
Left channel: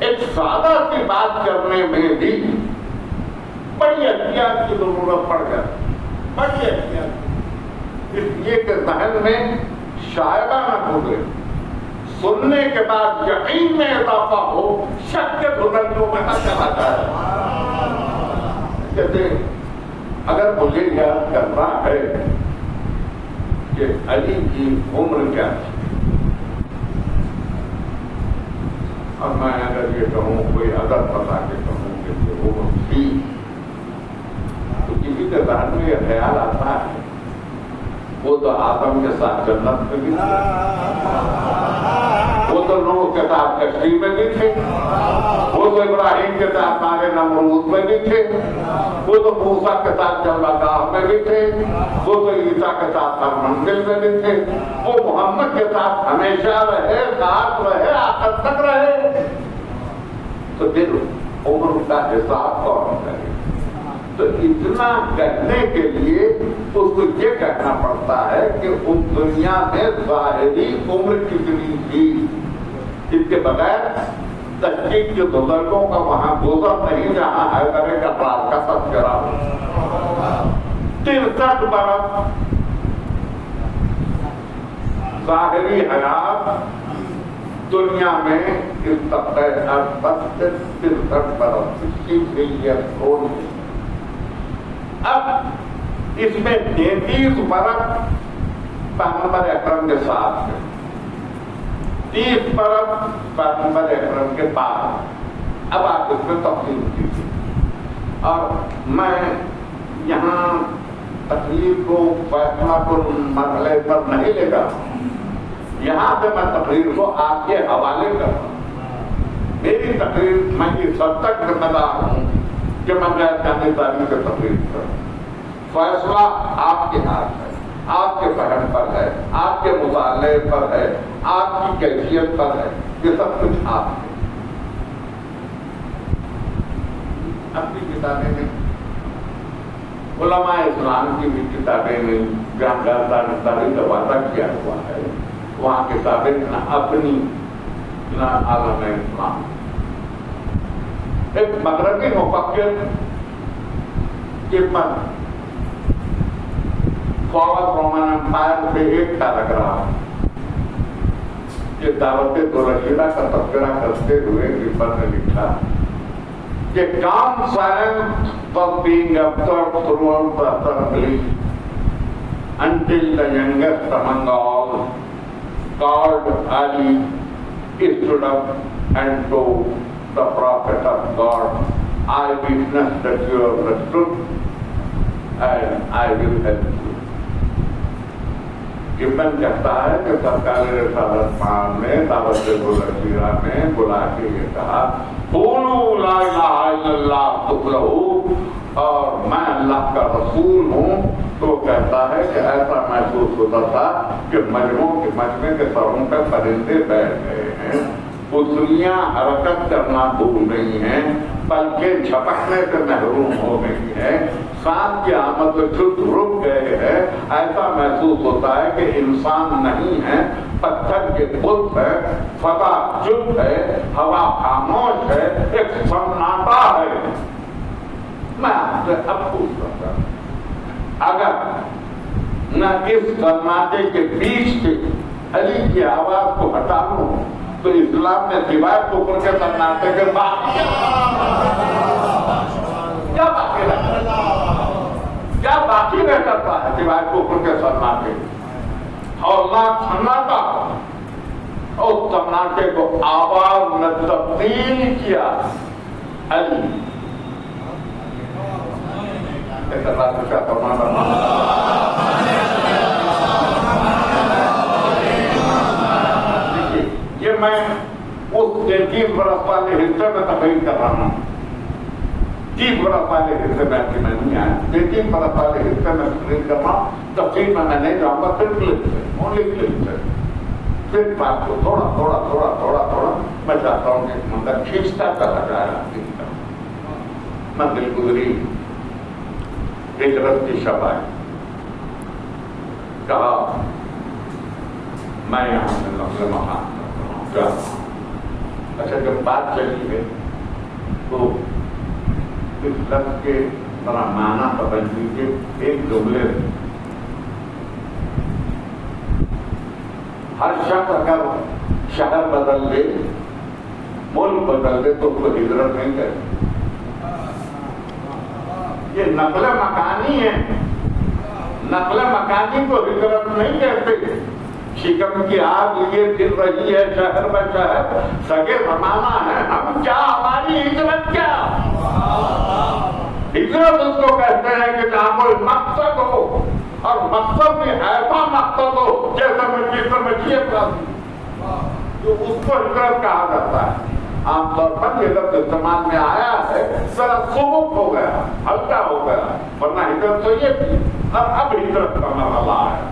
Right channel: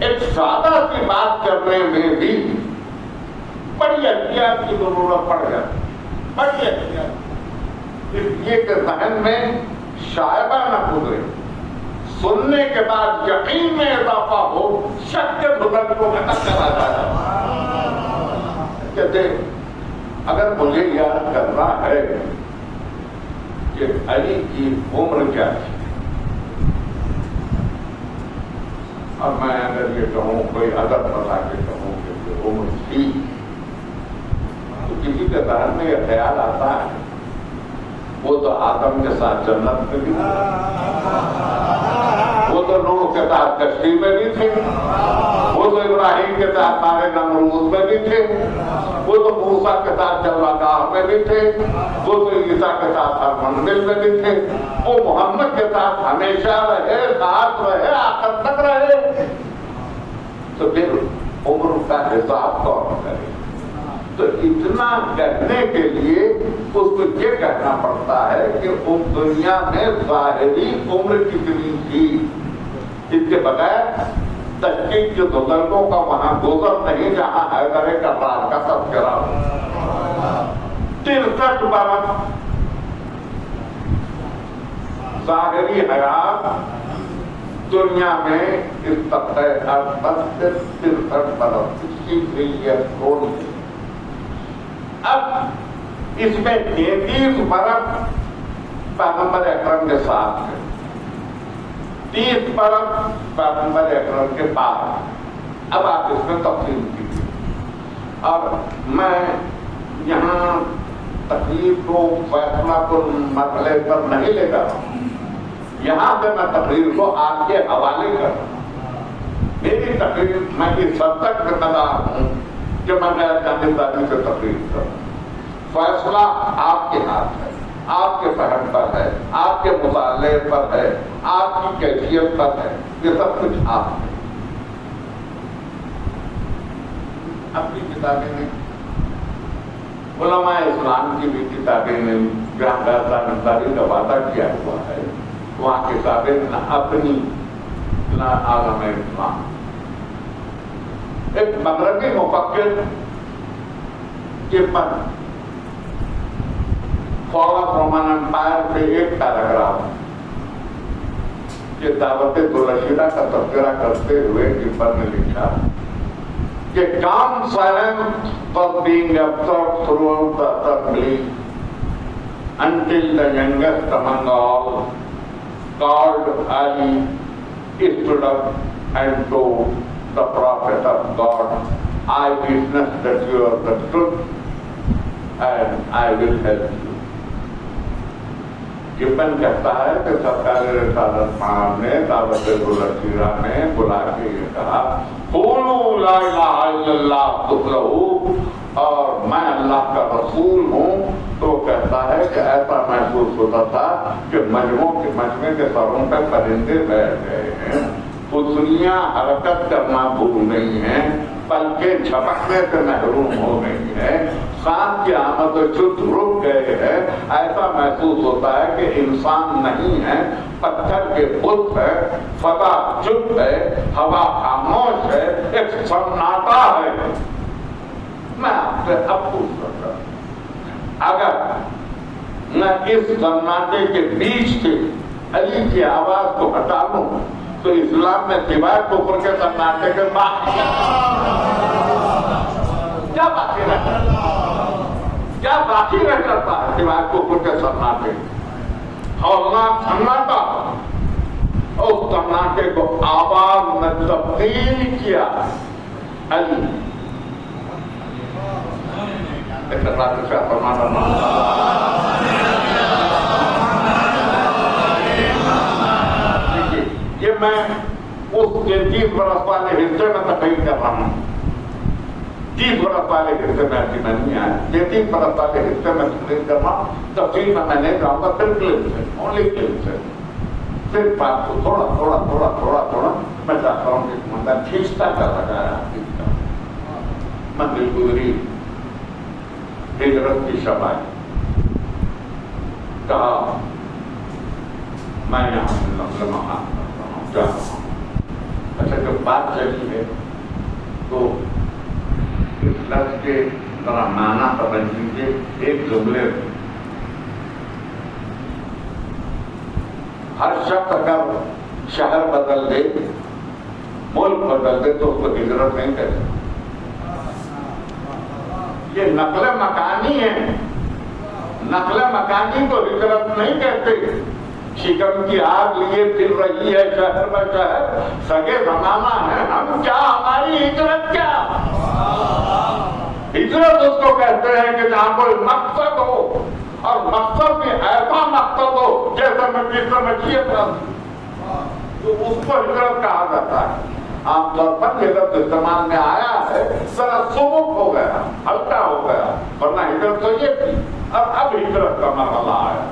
ایک سادہ سی بات کرنے میں بھی بڑی احتیاط کی ضرورت پڑ جاتی، بڑی احتیاط، اس لیے کہ ذہن میں شائبہ نہ گزرے، سننے کے بعد یقین میں اضافہ ہو، شک کے بزرگ کو نہ چلا جائے۔ کہتے اگر مجھے یاد کرنا ہے کہ علی کی عمر کیا تھی، اب میں اگر یہ کہوں کوئی عدد بتا کے کہوں کہ عمر تھی، تو کسی کے ذہن میں یہ خیال آتا ہے وہ تو آدم کے ساتھ جنت میں بھی تھے، وہ تو نوح کے ساتھ کشتی میں بھی تھے، وہ تو ابراہیم کے ساتھ نارے نمرود میں بھی تھے، وہ تو موسیٰ کے ساتھ جلوہ میں بھی تھے، وہ تو عیسیٰ کے ساتھ ہر منزل میں بھی تھے، وہ محمد کے ساتھ ہمیشہ رہے، ساتھ رہے، آخر تک رہے، تو پھر عمر کا حساب کون کرے؟ تو اتنا کہنے کے لیے اس کو یہ کہنا پڑتا ہے کہ اس دنیا میں ظاہری عمر کتنی تھی، اس کے بغیر تحقیق کے بزرگوں کا وہاں گزر نہیں جہاں حیدر کمران کا تذکرہ ہو۔ 63 برس ظاہری حیات دنیا میں اس طبقے 63 برس 63 years old۔ اب اس میں 33 برس پیغمبر اکرم کے ساتھ ہے، 30 برس پیغمبر اکرم کے بعد۔ اب آپ اس میں تفصیل کیجیے، اور میں یہاں تقریر کو فیصلہ پر مرحلے پر نہیں لے جا رہا ہوں، یہاں سے میں تقریر کو آپ کے حوالے کر رہا ہوں۔ میری تقریر میں اس حد تک ذمہ دار ہوں کہ میں غیر جانبداری سے تقریر کروں، فیصلہ آپ کے ہاتھ ہے، آپ کے فہم پر ہے، آپ کے مطالعے پر ہے، آپ کی کیفیت پر ہے، یہ سب کچھ آپ ہے۔ اپنی کتابیں ہیں، علماء اسلام کی بھی کتابیں ہیں، جہاں جانبداری کا وعدہ کیا ہوا ہے، وہاں کتابیں نہ اپنی نہ عالم اسلام۔ ایک مغربی مفکر ابن فال آف رومن امپائر سے ایک پیراگراف یہ دعوت دولشیرہ کا تذکرہ کرتے ہوئے ابن نے لکھا کہ calm silence was being observed throughout the assembly until the youngest among all, called Ali, stood up and told the prophet of God, I witness that you are the truth and I will help you. ابن کہتا ہے کہ سرکار رسالت پڑھان نے دعوت دولشیرہ میں بلا کے یہ کہا قولوا لا الہ الا اللہ تفلحوا، اور میں اللہ کا رسول ہوں۔ تو کہتا ہے کہ ایسا محسوس ہوتا تھا کہ مجمع کے سروں پہ پرندے بیٹھ گئے ہیں، پتلیاں حرکت کرنا بھول گئی ہیں، پلکیں جھپکنے سے محروم ہو گئی ہیں، سانپ کی آمد و جد رک گئے ہیں۔ ایسا محسوس ہوتا ہے کہ انسان نہیں ہے، پتھر کے بت ہے، فضا چپ ہے، ہوا خاموش ہے، ایک سناٹا ہے۔ میں آپ سے اب پوچھ سکتا ہوں، اگر میں اس سناٹے کے بیچ سے علی کی آواز کو ہٹا لوں تو اسلام میں سوائے کفر کے سناٹے کے باقی کیا باقی رہتا ہے؟ کیا باقی رہ جاتا ہے سوائے کفر کے سناٹے؟ اور نہ سناٹا اس سناٹے کو آواز میں تبدیل کیا علی یہ میں اس 30 برس والے حصے میں تقریر کر رہا ہوں. 30 برس والے حصے میں اپنی نہیں آیا. 33 برس والے حصے میں تقریر کر رہا ہوں. تقریر میں نہیں جاؤں گا صرف کلپ سے, اونلی کلپ سے. پھر بات کو تھوڑا تھوڑا تھوڑا تھوڑا تھوڑا میں چاہتا ہوں کہ مندر کھینچتا چلا گیا. میں دل گزری ہجرت کی شب آئی. کہا میں یہاں سے مسئلہ مانا کیا. اچھا جب بات چلی ہے تو اس لفظ کے ذرا معنی سمجھ لیجیے. ایک جملے ہر شخص اگر شہر بدل دے, ملک بدل دے تو اس کو ہجرت نہیں کرے. یہ نقل مکانی ہے. نقل مکانی کو ہجرت نہیں کہتے. شکم کی آگ لیے پھر رہی ہے شہر میں شہر, سگے زمانہ ہے ہم کیا, ہماری ہجرت کیا. ہجرت اس کو کہتے ہیں کہ جہاں کوئی مقصد ہو, اور مقصد میں ایسا مقصد ہو جیسا مشیت کا, تو اس کو ہجرت کہا جاتا ہے. عام طور پر یہ لفظ استعمال میں آیا ہے ذرا سبک ہو گیا, ہلکا ہو گیا, ورنہ ہجرت تو یہ تھی. اب ہجرت کا مرحلہ ہے.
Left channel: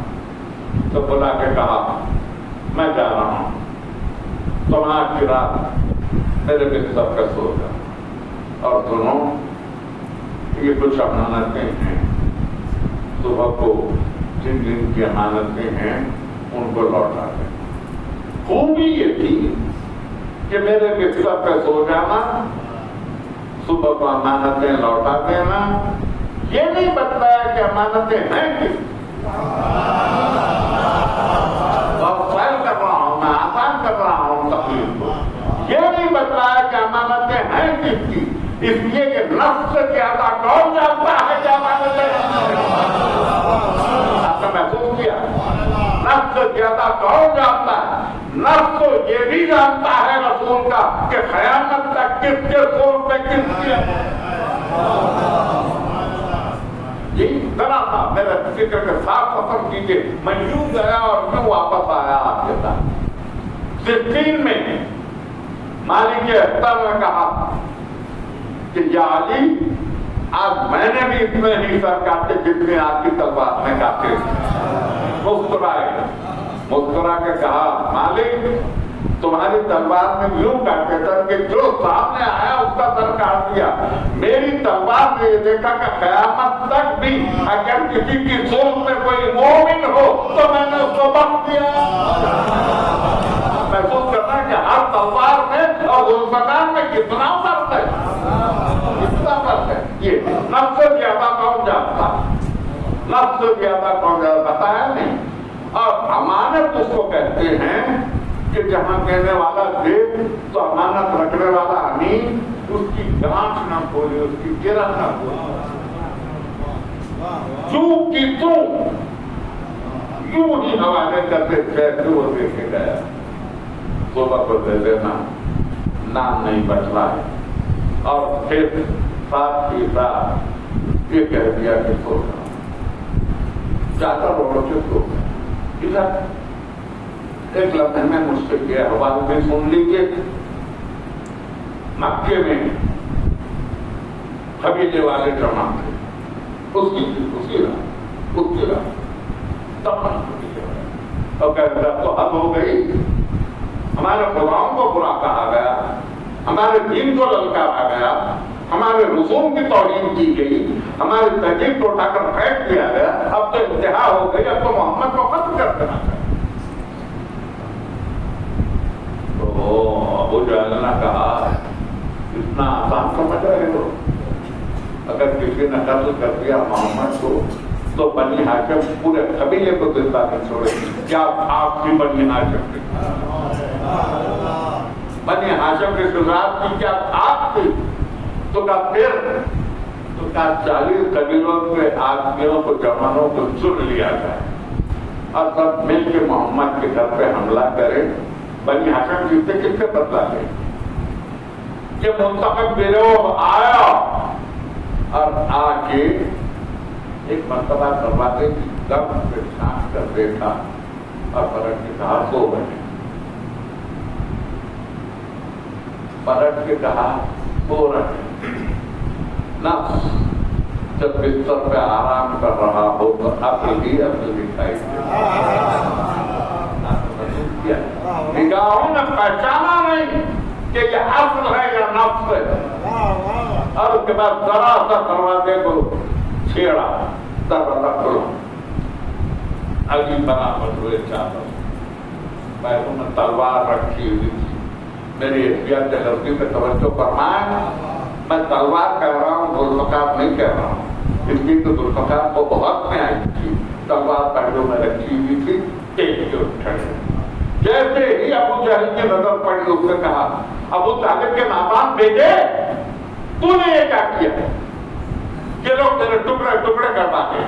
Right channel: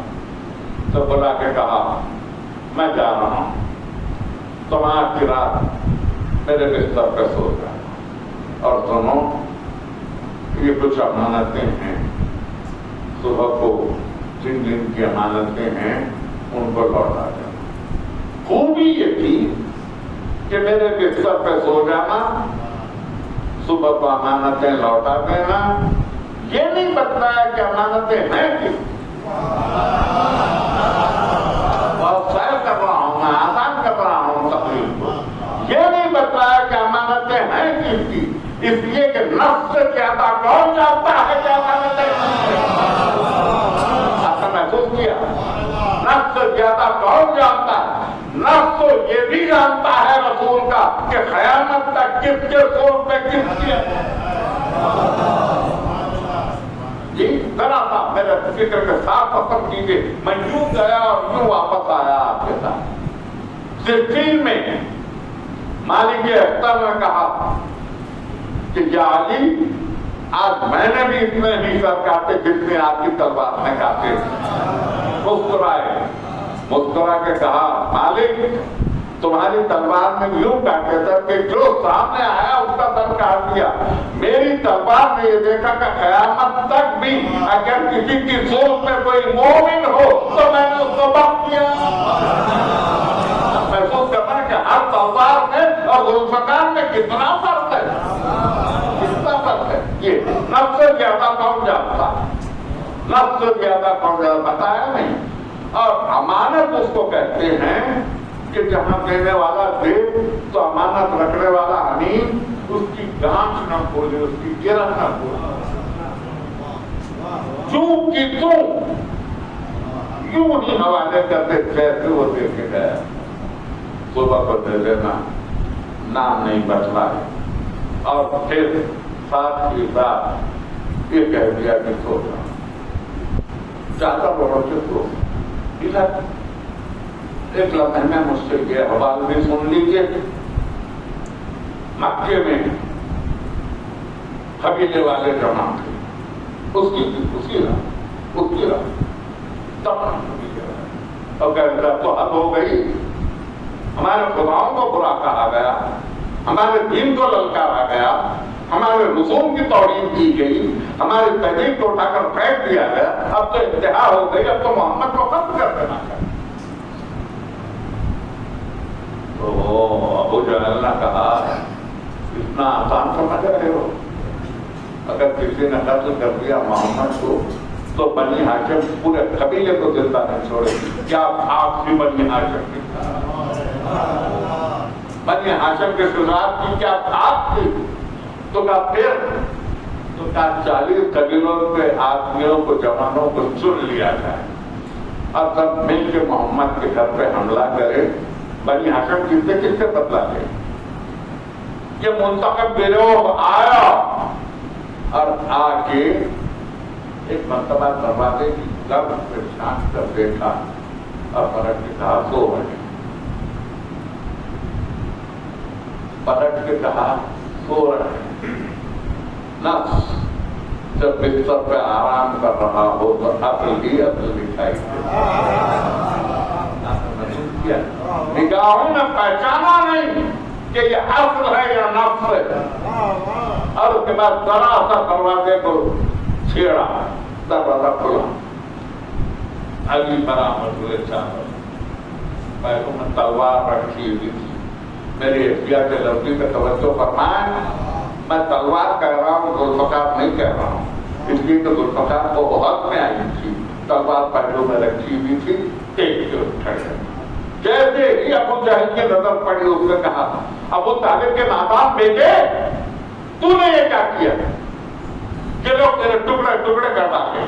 تو بلا کے کہا میں جا رہا ہوں, تم آج کی رات میرے بستر پہ سو جائے, اور سنو یہ کچھ امانتیں ہیں, صبح کو جن جن کی امانتیں ہیں ان کو لوٹا دیں. خوبی یہ تھی کہ میرے بستر پہ سو جانا, صبح کو امانتیں لوٹا دینا. یہ نہیں بتایا کہ امانتیں ہیں کہ بہت سہل کر رہا ہوں, میں آسان کر رہا ہوں تقریر کو. یہ نہیں بتایا کہ امانتیں ہیں کس کی, اس لیے کہ نفس سے زیادہ کون جانتا ہے کہ امانتیں آپ نے محسوس کیا. نفس سے زیادہ کون جانتا ہے. نفس تو یہ بھی جانتا ہے رسول کا کہ خیانت تک کس کے سور پہ کس کی. جی ذرا سا میرے فکر کے ساتھ ختم کیجیے. میں یوں گیا اور یوں واپس آیا آپ کے ساتھ. 16 میں مالک اختر نے کہا کہ یا علی آج میں نے بھی اتنے ہی سر کاٹے جتنے آپ کی تلوار میں کاٹے. مسکرائے, مسکرا کے کہا مالک تمہاری تلوار میں یوں کاٹے سر کہ جو سامنے آیا اس کا سر کاٹ دیا. میری تلوار نے یہ دیکھا کہ قیامت تک بھی اگر کسی کی سوچ میں کوئی مومن ہو تو میں نے اس کو بخش دیا. محسوس کرنا کہ ہر تلوار میں اور ذوالفقار میں کتنا فرق ہے, کتنا فرق ہے. یہ نفس سے زیادہ کون جانتا, نفس سے زیادہ کون جانتا, بتایا نہیں. اور امانت اس کو کہتے ہیں کہ جہاں دینے والا دے تو امانت رکھنے والا امین, اس کی گانٹ نہ کھولے, اس کی گرہ نہ کھولے. چوک کی تو یوں ہی حوالے کرتے جیسے وہ دیکھے گئے. صبح کو دے دینا, نام نہیں بچلا ہے, اور پھر ساتھ ہی ساتھ یہ کہہ دیا کہ سو چاہتا بڑھو کہ سو. ٹھیک ہے, ایک لمحے میں مجھ سے یہ حوالے بھی سن لیجیے. مکے میں قبیلے والے جمع تھے, اسی راہ تب اور کہتے اب تو حد ہو گئی, ہمارے خداؤں کو برا کہا گیا, ہمارے دین کو للکارا گیا, ہمارے رسوم کی توہین کی گئی, ہماری تہذیب کو اٹھا کر پھینک دیا گیا. اب تو انتہا ہو گئی, اب تو محمد کو ختم کر دینا چاہیے. تو ابو جہل نے کہا اتنا آسان سمجھ رہے ہو, اگر کسی نے قتل کر دیا محمد کو تو بنی ہاشم پورے قبیلے کو زندہ نہیں چھوڑے. کیا آپ بھی بنی ہاشم کی, بنی ہاشم کے شجاعت کی کیا آپ کی؟ تو کہا پھر تو کہا 40 قبیلوں کے آدمیوں کو, جوانوں کو چن لیا جائے اور سب مل کے محمد کے گھر پہ حملہ کرے بنی ہاشم جیتے کس سے بدلا لے؟ یہ منتخب گروہ آیا اور آ کے ایک مرتبہ دروازے کی گرد سے چھانٹ کر دیکھا اور پلٹ کے کہا سو بنے. پلٹ کے کہا سو رہے. نفس جب بستر پہ آرام کر رہا ہو تو عقل ہی عقل دکھائی نگاہوں نے پہچانا نہیں کہ یہ عقل ہے یا نفس ہے. اور اس کے بعد ذرا سا دروازے کو چھیڑا, دروازہ کھلا. علی برابر ہوئے چاول, پیروں میں تلوار رکھی ہوئی تھی. میری احتیاط غلطی پہ توجہ فرمائیں, میں تلوار کہہ رہا ہوں, ذوالفقار نہیں کہہ رہا ہوں, اس لیے کہ ذوالفقار کو بہت میں آئی تھی. تلوار پیروں میں رکھی ہوئی تھی, ٹیک کے اٹھے. جیسے ہی ابو جہل کی نظر پڑی اس نے کہا ابو طالب کے نادان بیٹے تو نے یہ کیا کیا کہ لوگ تیرے ٹکڑے ٹکڑے کر ڈالے.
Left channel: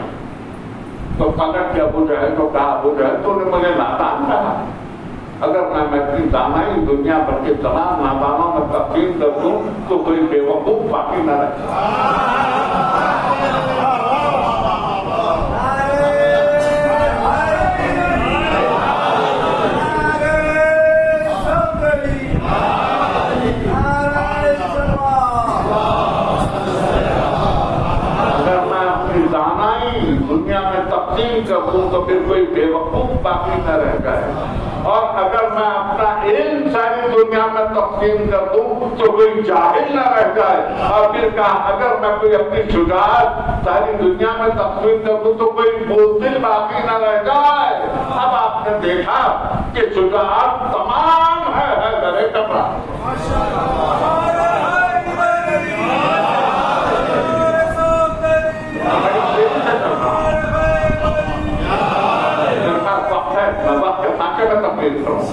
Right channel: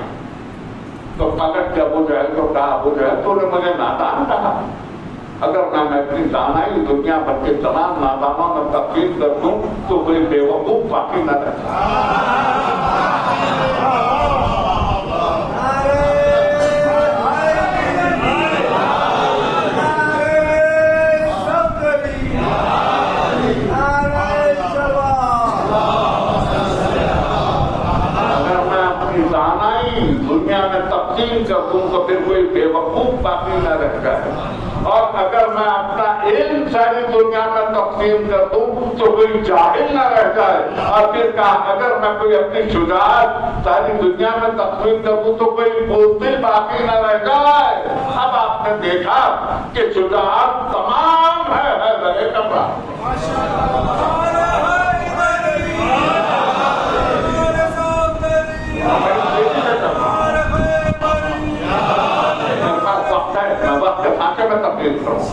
تو پلٹ کے ابو جہل کو کہا ابو جہل تو نے مجھے نادان کہا, اگر میں اپنی دانائی دنیا بھر کے تمام نادانوں میں تقسیم کر دوں تو کوئی بے وقوف باقی نہ رہے. دنیا میں تقسیم کر دوں تو پھر کوئی بے وقوف باقی نہ رہ جائے, اور اگر میں اپنا علم ساری دنیا میں تقسیم کر دوں تو کوئی جاہل نہ رہ جائے. اور پھر کہا اگر میں کوئی اپنی شجاعت ساری دنیا میں تقسیم کر دوں تو کوئی بزدل باقی نہ رہ جائے. اب آپ نے دیکھا کہ شجاعت تمام ہے درے کپڑا. میں وقت کے خاکے میں تبدیل کروں,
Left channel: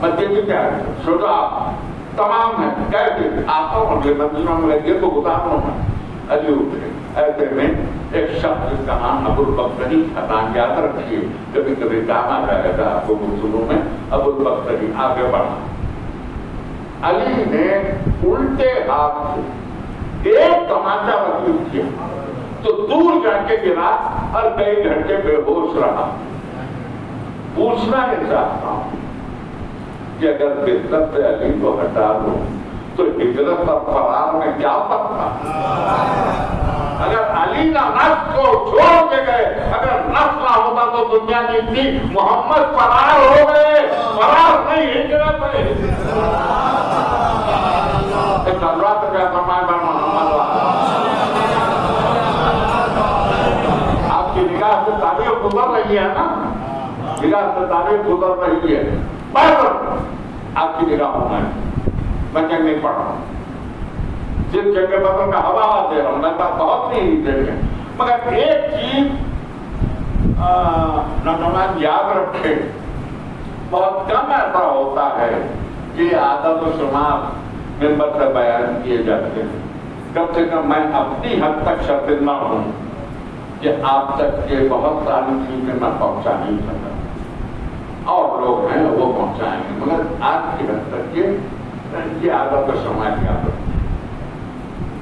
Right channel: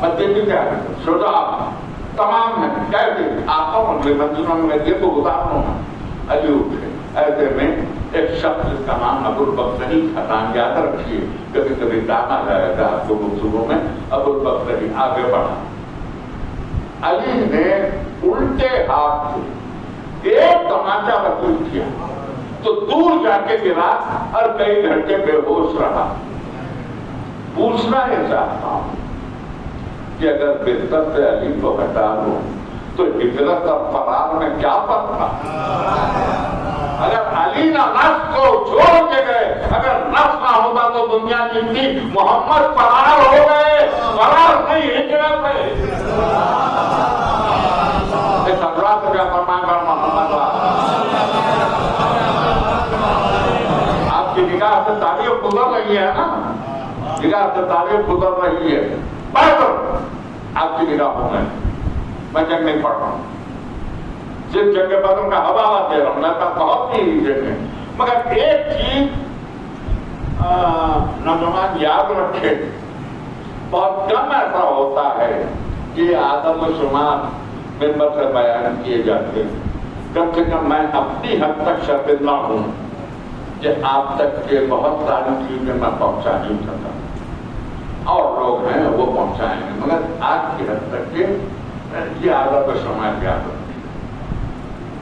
میں دیکھی کیا شجاعت تمام ہے. کہتے آتا ہوں اگلے مدینہ میں یہ تو گزاروں میں علی اٹھے. ایسے میں ایک شخص جس کا نام ابو البختری تھا, یاد رکھیے کبھی کبھی کام آ جائے گا آپ کو گفتگو میں. ابو البختری آگے بڑھا. علی نے الٹے ہاتھ سے ایک تماچا وصول کیا تو دور جا کے گرا اور کئی گھنٹے بے ہوش رہا. پوچھنا نہیں چاہتا ہوں کہ اگر بستر سے علی کو ہٹا دو تو ہجرت اور فرار میں کیا فرق تھا؟ اگر علی نہ نفس کو چھوڑ کے گئے, اگر نفس نہ ہوتا تو دنیا جتنی محمد فرار ہو گئے, فرار نہیں ہجرت میں. ایک حضرات کا فرمان پر محمد آپ کی نگاہ سے تعریف گزر رہی ہے نا, نگاہ سے تعریف گزر رہی ہے. آپ کی نگاہوں میں جنگ نہیں پڑھ رہا ہوں, صرف جنگ بدر کا حوالہ دے رہا ہوں. میں بہت نہیں جنگ, مگر ایک چیز نوجوان یاد رکھے, بہت کم ایسا ہوتا ہے کہ عادت و شمار ممبر سے بیان کیے جاتے ہیں. کم سے کم میں اپنی حد تک شرمندہ ہوں کہ آپ تک کے بہت ساری چیزیں میں پہنچا نہیں سکتا, اور لوگ ہیں وہ پہنچائیں گے, مگر آج کی حد تک کے یہ عادت و شمار یاد رکھیں.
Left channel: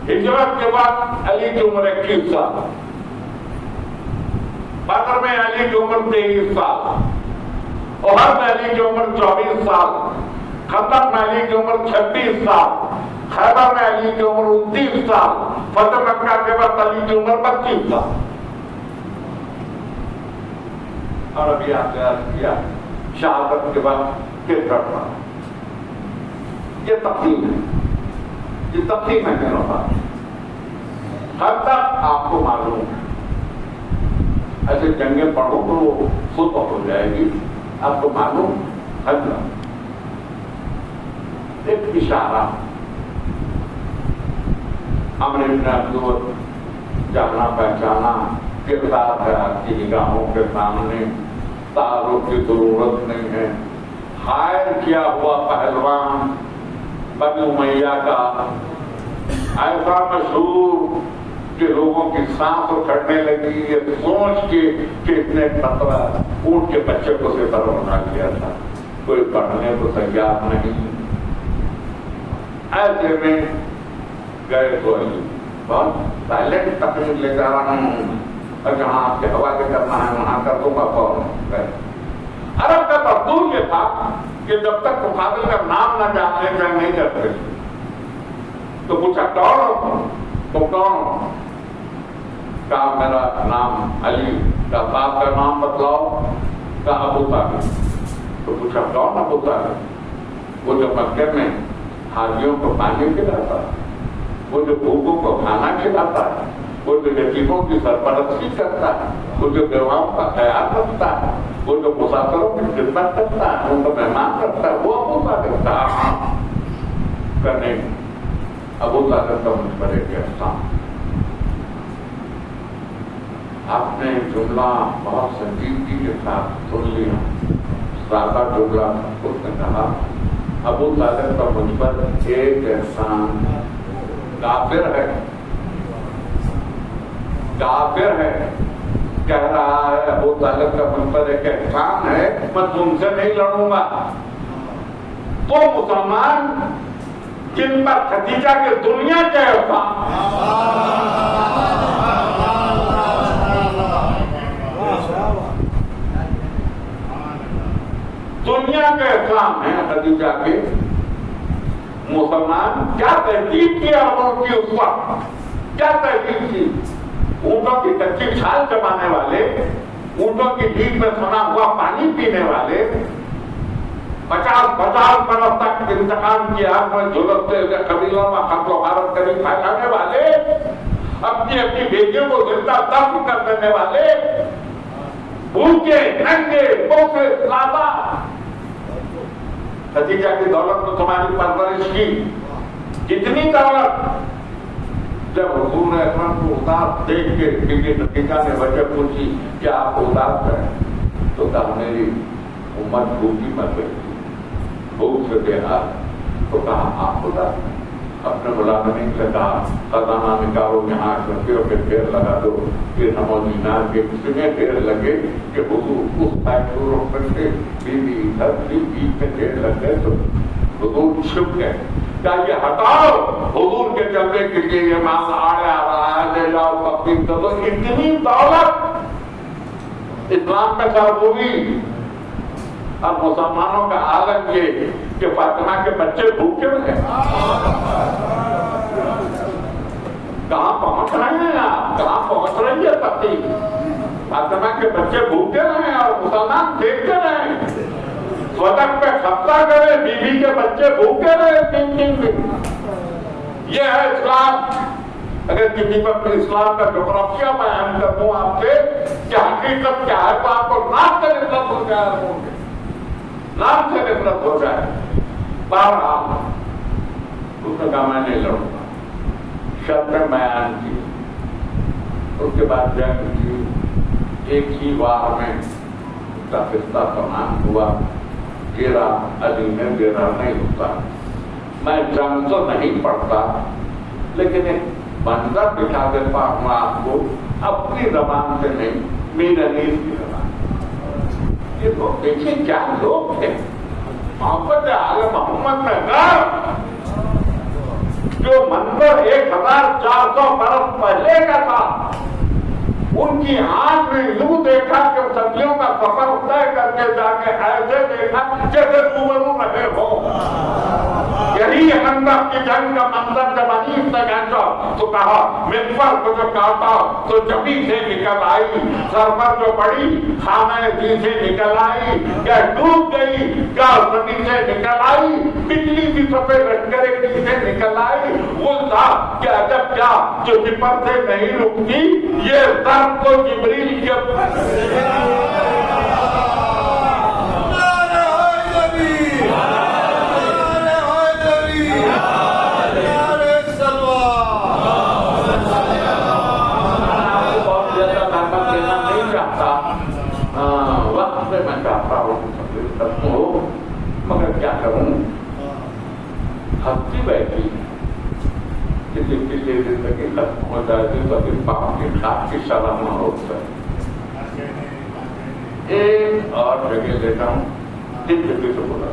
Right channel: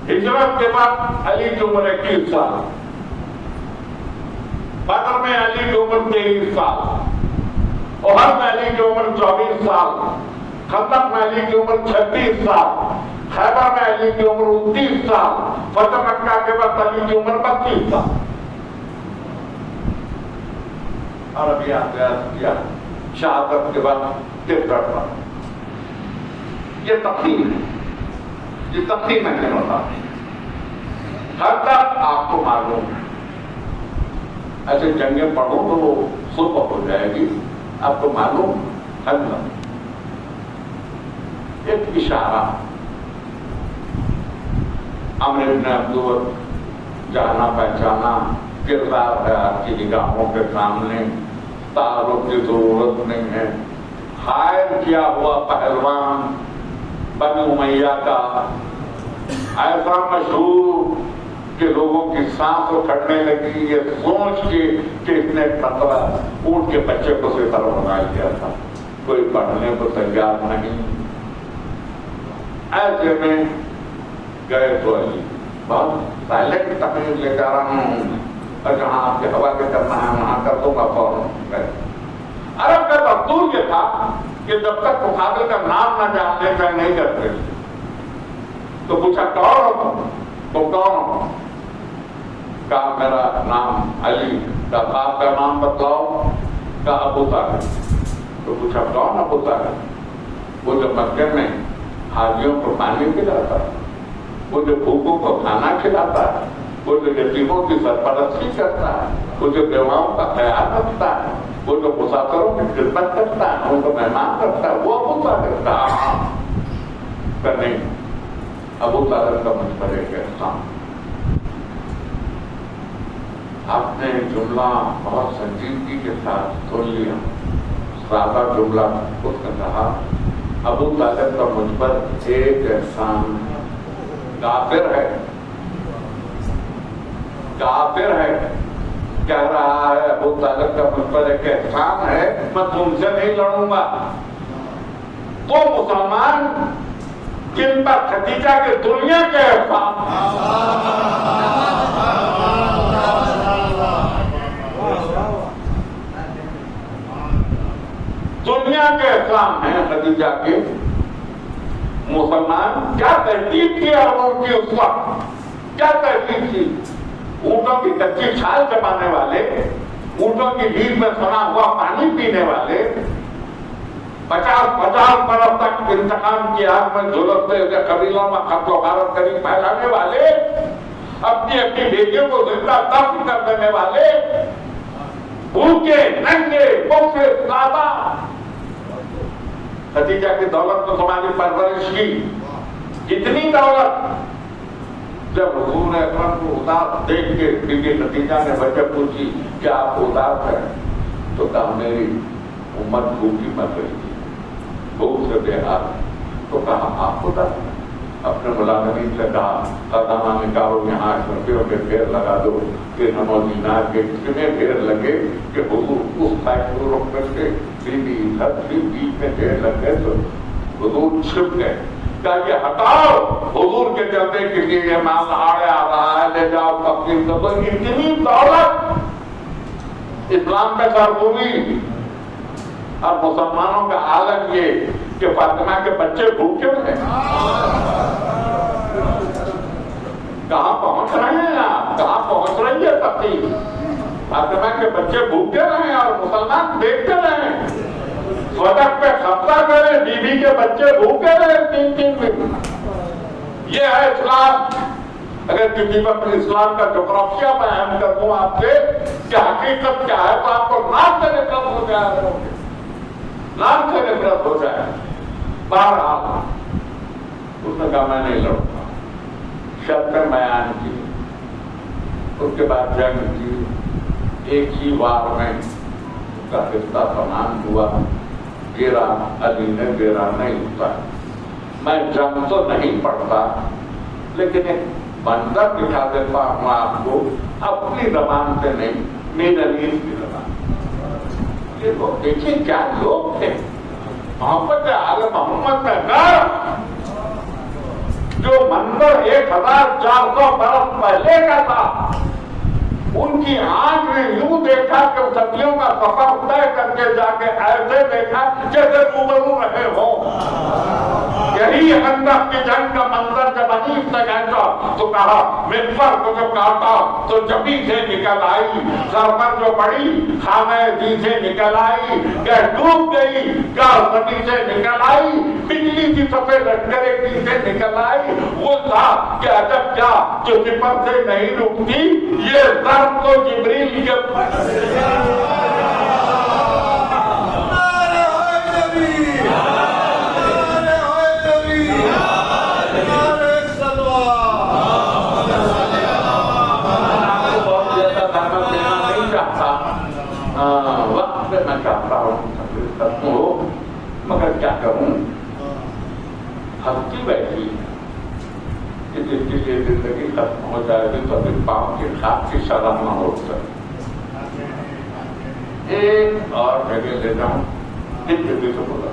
ہجرت کے بعد علی کی عمر 21 سال, بدر میں علی کی عمر 23 سال, احد میں علی کی عمر 24 سال, خندق میں علی کی عمر 26 سال, خیبر میں علی کی عمر 29 سال, فتح مکہ کے بعد علی کی عمر 32 سال. اور ابھی آپ نے عرض کیا شہادت کے بعد 63 سال. یہ تقسیم ہے, یہ تقسیم میں کہہ رہا تھا. ہر تک آپ کو معلوم ہے, ایسے جنگیں پڑھو تو وہ صبح ہو جائے گی. آپ کو معلوم ہر تک ایک اشارہ عمر بن عبدالعزیز, جانا پہچانا کردار ہے آپ کی نگاہوں کے سامنے, تعارف کی ضرورت نہیں ہے. حائل کیا ہوا پہلوان بنی امیہ کا, ایسا مشہور کہ لوگوں کی سانس اکھڑنے لگی یہ سوچ کے کہ اس نے ایک مرتبہ اونٹ کے بچے کو سے پر بنا لیا تھا. کوئی پڑھنے کو تیار نہیں. ایسے میں گئے تو بہت سائلنٹ تقریر لے جا رہا ہوں اور جہاں آپ کے حوالے کرنا ہے وہاں کر دوں گا فوراً. عرب کا دستور یہ تھا کہ جب تک بخاری کا نام نہ جانتے ہیں نہیں کرتے. تو پوچھا کون؟ تو کون؟ کہا میرا نام علی. کا باپ کا نام بتلاؤ. کہا ابو طالب. تو پوچھا کون ابو طالب؟ وہ جو مکے میں حاجیوں کو پانی پلاتا ہے، وہ جو بھوکوں کو کھانا کھلاتا ہے، وہ جو یتیموں کی سرپرستی کرتا ہے، وہ جو بیواؤں کا خیال رکھتا ہے، وہ جو مسافروں کی خدمت کرتا ہے، ان کو مہمان کرتا ہے، وہ ابو طالب. کہا کرنے ابو طالب کا مجھ پر ایک احسان. آپ نے جملہ بہت سنجیدگی کے ساتھ سن لیا. سادہ جملہ اس نے کہا ابو طالب کا مجھ پر ایک احسان. کافر ہے، کافر ہے، کہہ رہا ہے ابو طالب کا مجھ پر ایک احسان ہے، میں تم سے نہیں لڑوں گا. تو مسلمان جن پر خدیجہ کی دنیا کے احسان، دنیا کے احسان ہیں خدیجہ کے، مسلمان کیا تحقیق کی عربوں کی اس وقت، کیا تحقیق کی. اونٹوں کی کچی چھال چبانے والے، اونٹوں کی بھیڑ میں سنا ہوا پانی پینے والے، 50 برس تک انتقام کی آگ میں جھلستے ہوئے قبیلوں میں قتل و غارت کری پھیلانے والے، اپنی بیٹیوں کو زندہ دفن کر دینے والے، بھوکے ننگے بوسے سادہ. خدیجہ کی دولت تو تمہاری پرورش کی، کتنی دولت. جب حضور اکرم کو اداس دیکھ کے بیوی خدیجہ نے وجہ پوچھی کہ آپ اداس ہیں، تو کہا میری امت بھوکی مر گئی تھی، بھوک سے بے حال. تو کہا آپ اداس ہیں. اپنے ملازمین سے کہا خزانہ نکالو، یہاں لڑکیوں کے ڈھیر لگا دو. پھر ہم دینار کے کتنے ڈھیر لگے کہ حضور اس فیکٹری رخ کر کے بیوی ادھر بھی بیچ میں ڈھیر لگ گئے تو حضور چھپ گئے. کیا یہ ہٹاؤ حضور کے چلتے کے لیے یہ مال آڑے آ رہا ہے، لے جاؤ تقسیم کر دو. اتنی دولت اسلام کا سربوری. اور مسلمانوں کا عالم یہ کہ فاطمہ کے بچے بھوکے رہے. کہاں پہنچ رہے ہیں آپ؟ کہاں پہنچ رہی ہے تقسیم؟ فاطمہ کے بچے بھوکے رہے اور مسلمان دیکھتے رہے. صدق پہ خطہ کرے، بیوی کے بچے بھوکے رہے 3 دن. یہ ہے اسلام. اگر کسی پر اسلام کا جغرافیہ بیان کر دوں آپ سے کہ حقیقت کیا ہے تو آپ کو نام سے نفرت ہو جائے، نام سے نفرت ہو جائے. بہرحال اس نے کہا میں نہیں لڑوں گا. شرطیں بیان کی. اس کے بعد جنگ کی. ایک ہی وار میں اس کا قصہ تمام ہوا. گرا علی نے گرا نہیں ہوتا. میں جنگ تو نہیں پڑھتا لیکن ایک منظر دکھا دیتا ہوں آپ کو اپنی زبان سے نہیں، میر علی کی زبان. یہ لوگ دیکھیے کیا لوگ تھے. محمد آل محمد کا گھر جو منظر 1400 برس پہلے کا تھا، ان کی آنکھ نے یوں دیکھا کہ صدیوں کا سفر طے کر کے جا کے ایسے دیکھا جیسے روبرو رہے ہو. یہی خندق کی جنگ کا منظر جب انیس نے کہا تو کہا مغفر کو جو کاٹا تو جبھی سے نکل آئی، سر پر جو پڑی خامہ جی سے نکل آئی، کیا ڈوب گئی کیا زمین سے نکل آئی، بجلی کی سفید لشکرے کی سے نکل آئی. وہ تھا کہ عجب کیا جو سپر سے نہیں رکتی، یہ درد کو جبریل کے وقت میں چاہتا ہوں مگر کیا کروں. ہستی بیٹھی کسی کی زندگی ختم ہو جائے گی کبھی باپ کی کھاد کی شرم نہ ہو جائے. ایک اور جگہ لے جاؤں دیکھتے تو بولا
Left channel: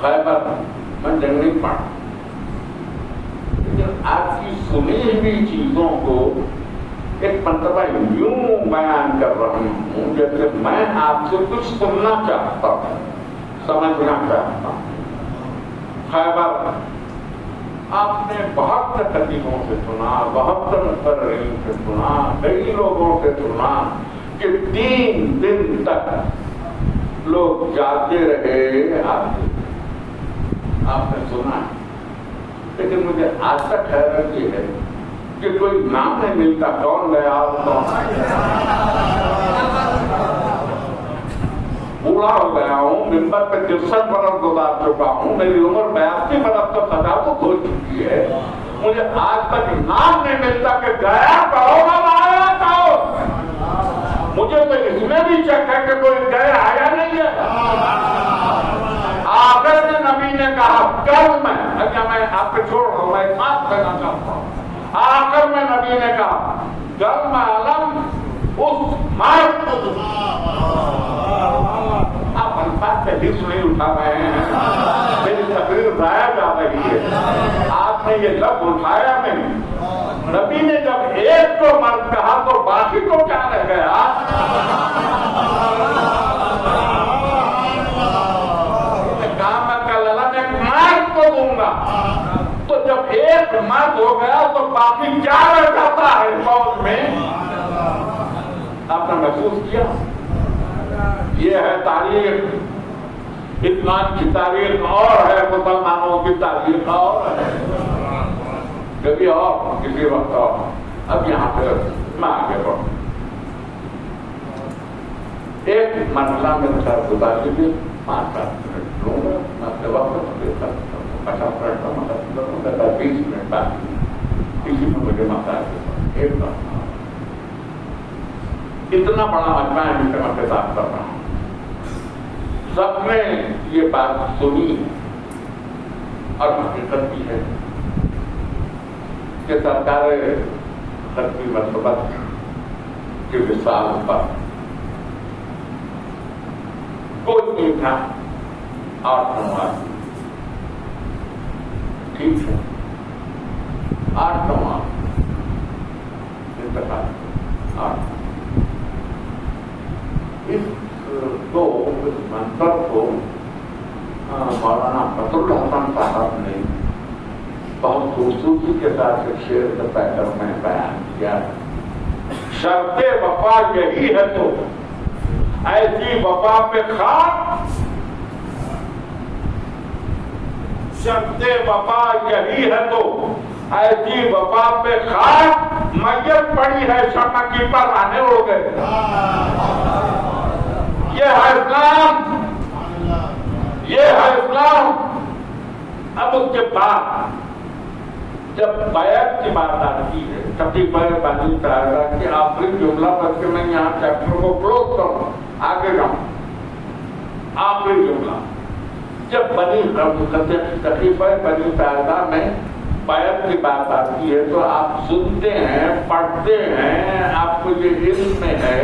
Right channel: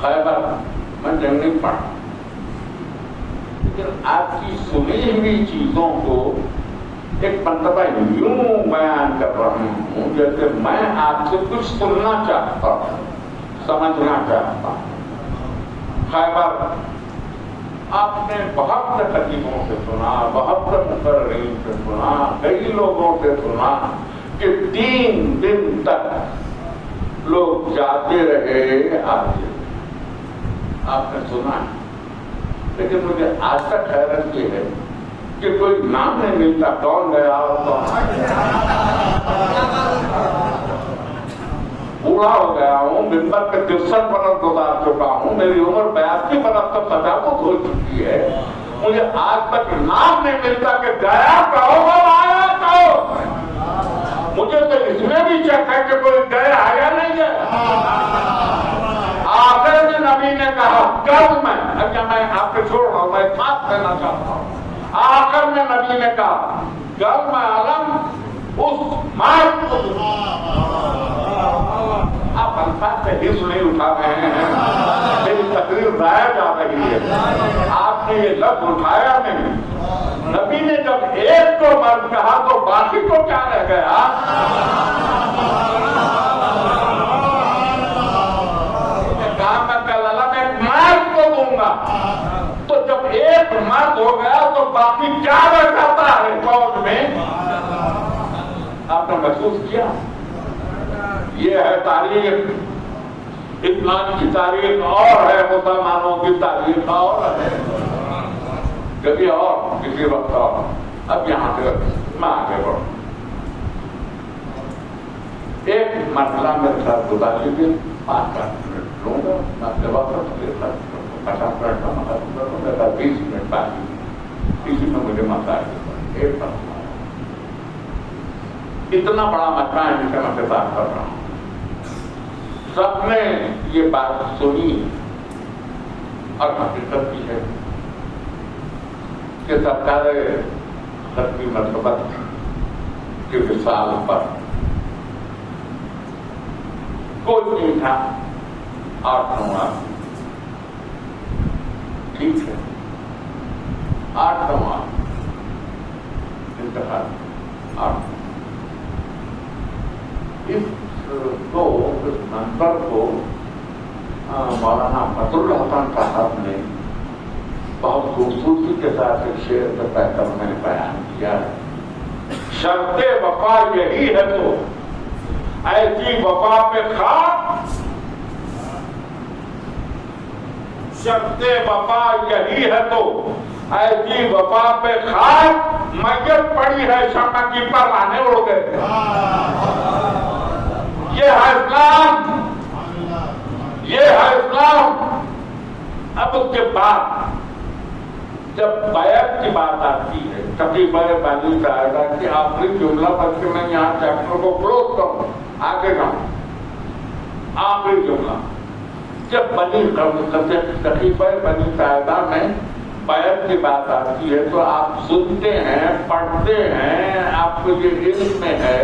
خیبر میں جنگ نہیں پڑھا، لیکن آپ کی سنی ہوئی چیزوں کو ایک مرتبہ یوں بیان کر رہا ہوں جیسے میں آپ سے کچھ سننا چاہتا ہوں، سمجھنا چاہتا ہوں۔ خیبر آپ نے بہت سے خطیبوں سے سنا، بہت سے مقررین سے سنا، کئی لوگوں سے سنا کہ 3 دن تک لوگ جاتے رہے آتے، آپ نے سنا ہے، لیکن مجھے آج تک حیرت یہ ہے کہ کوئی نام نہیں ملتا کون گیا بوڑھا ہو گیا ہوں، ممبر پہ 63 برس گزار چکا ہوں، میری عمر 82 برس تو 50 ہو چکی ہے، مجھے آج تک نام نہیں ملتا کہ گیا کہو آیا کہو۔ مجھے تو اس میں بھی شک ہے کہ کوئی گیا یا نہیں گیا۔ آخر میں نبی نے کہا کل میں، اچھا میں آپ پہ چھوڑ رہا ہوں، میں ساتھ دینا چاہتا ہوں، آخر میں نبی نے کہا کل میں عالم اس مارک کو آپ الفاظ سے حص نہیں اٹھا رہے ہیں، میری تقریر ضائع جا رہی ہے، آپ نے یہ لفظ اٹھایا نہیں۔ نبی نے جب ایک کو مرد کہا تو باقی کو کیا رہ گیا؟ کہا میں کل اللہ ایک مرد کو دوں گا، تو جب ایک مرد ہو گیا تو باقی کیا رہ جاتا ہے فوج میں؟ آپ نے محسوس کیا؟ یہ ہے تاریخ، ایمان کی تاریخ اور ہے، مسلمانوں کی تاریخ اور ہے، کبھی اور کسی وقت اور۔ اب یہاں پہ میں آگے بڑھوں، ایک مرحلہ میرے ساتھ گزار لیجیے، 5-7 منٹ لوں گا، میں اپنے وقت کے ساتھ 50 منٹ کا مطلب کروں گا، 20 منٹ بعد اسی میں مجھے مت آئے ایک بات اتنا بڑا مجمع ہے جن سے میں خطاب کر رہا ہوں، سب نے یہ بات سنی اور حقیقت بھی ہے کہ سرکار ختمی مرتبہ کے وصال پر کوئی نہیں تھا، 8-9 آدمی، ٹھیک ہے، 8-9 آدمی انتخاب 8۔ اس منظر کو مولانا فضل الحسن صاحب نے بہت خوبصورتی کے ساتھ شعر سے پہ کر میں بیان کیا ہے۔ شرط وفا یہی ہے تو ایسی وفا پہ خاک، شرط وفا یہی ہے تو ایسی وفا پہ خاک، میت پڑی ہے شمع کی پر آنے اڑ گئے۔ یہ ہے اسلام، یہ ہے اسلام۔ اب اس کے بعد جب بیعت کی بات آتی ہے، تقریبا بنی سعیدہ کی آخری جملہ پر کہ میں یہاں چیپٹر کو کلوز کروں، آگے جاؤں، آخری جملہ جب بنی تقریبا بنی سعیدہ میں بیعت کی بات آتی ہے تو آپ سنتے ہیں، پڑھتے ہیں، آپ کو یہ علم میں ہے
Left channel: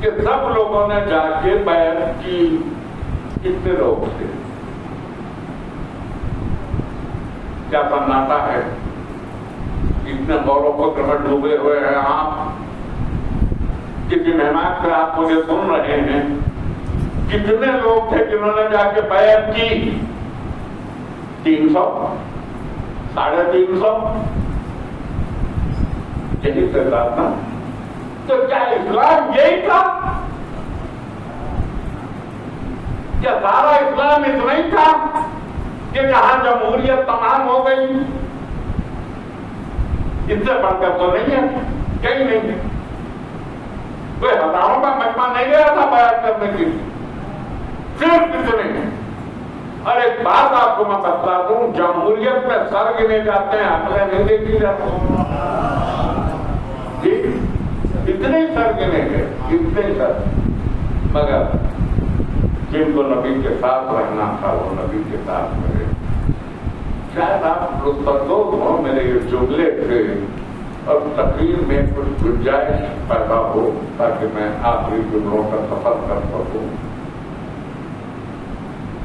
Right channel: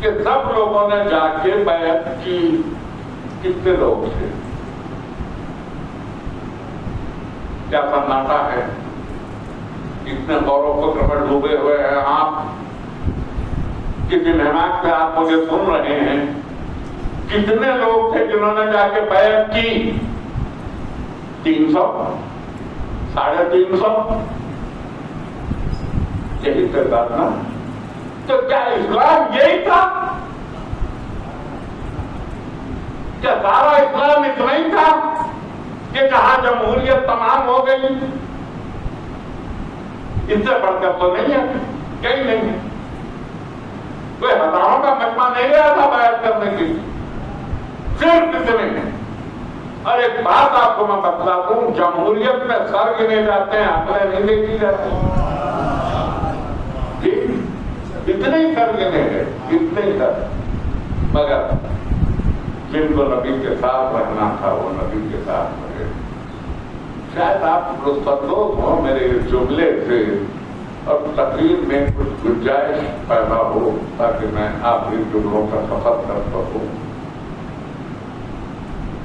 کہ سب لوگوں نے جا کے بیعت کی، کتنے لوگ تھے، کیا سناٹا ہے، اتنے غور و فکر میں ڈوبے ہوئے ہیں آپ، کسی مہمان سے آپ مجھے سن رہے ہیں، کتنے لوگ تھے جنہوں نے جا کے بیعت کی؟ 300، 350، یہی تعداد نا؟ تو کیا اسلام یہی تھا؟ کیا سارا اسلام اتنا ہی تھا کہ جہاں جمہوریت تمام ہو گئی؟ ان سے بڑھ کر تو نہیں ہے، کہیں نہیں ہے، کوئی ہزاروں کا مجمع نہیں گیا تھا بیعت کرنے کے لیے، صرف اتنے ہیں۔ اور ایک بات آپ کو میں بتلا دوں، جمہوریت میں سر گنے جاتے ہیں، عقلیں نہیں دیکھی جاتی، جی اتنے ہی سر گنے ہیں، اتنے ہی سر، مگر جن کو نبی کے ساتھ رکھنا تھا وہ نبی کے ساتھ رہے۔ شاید آپ لطف اندوز ہو میرے جملے سے اور تقریر میں کچھ گنجائش پیدا ہو تاکہ میں آخری جملوں کا سفر کر سکوں.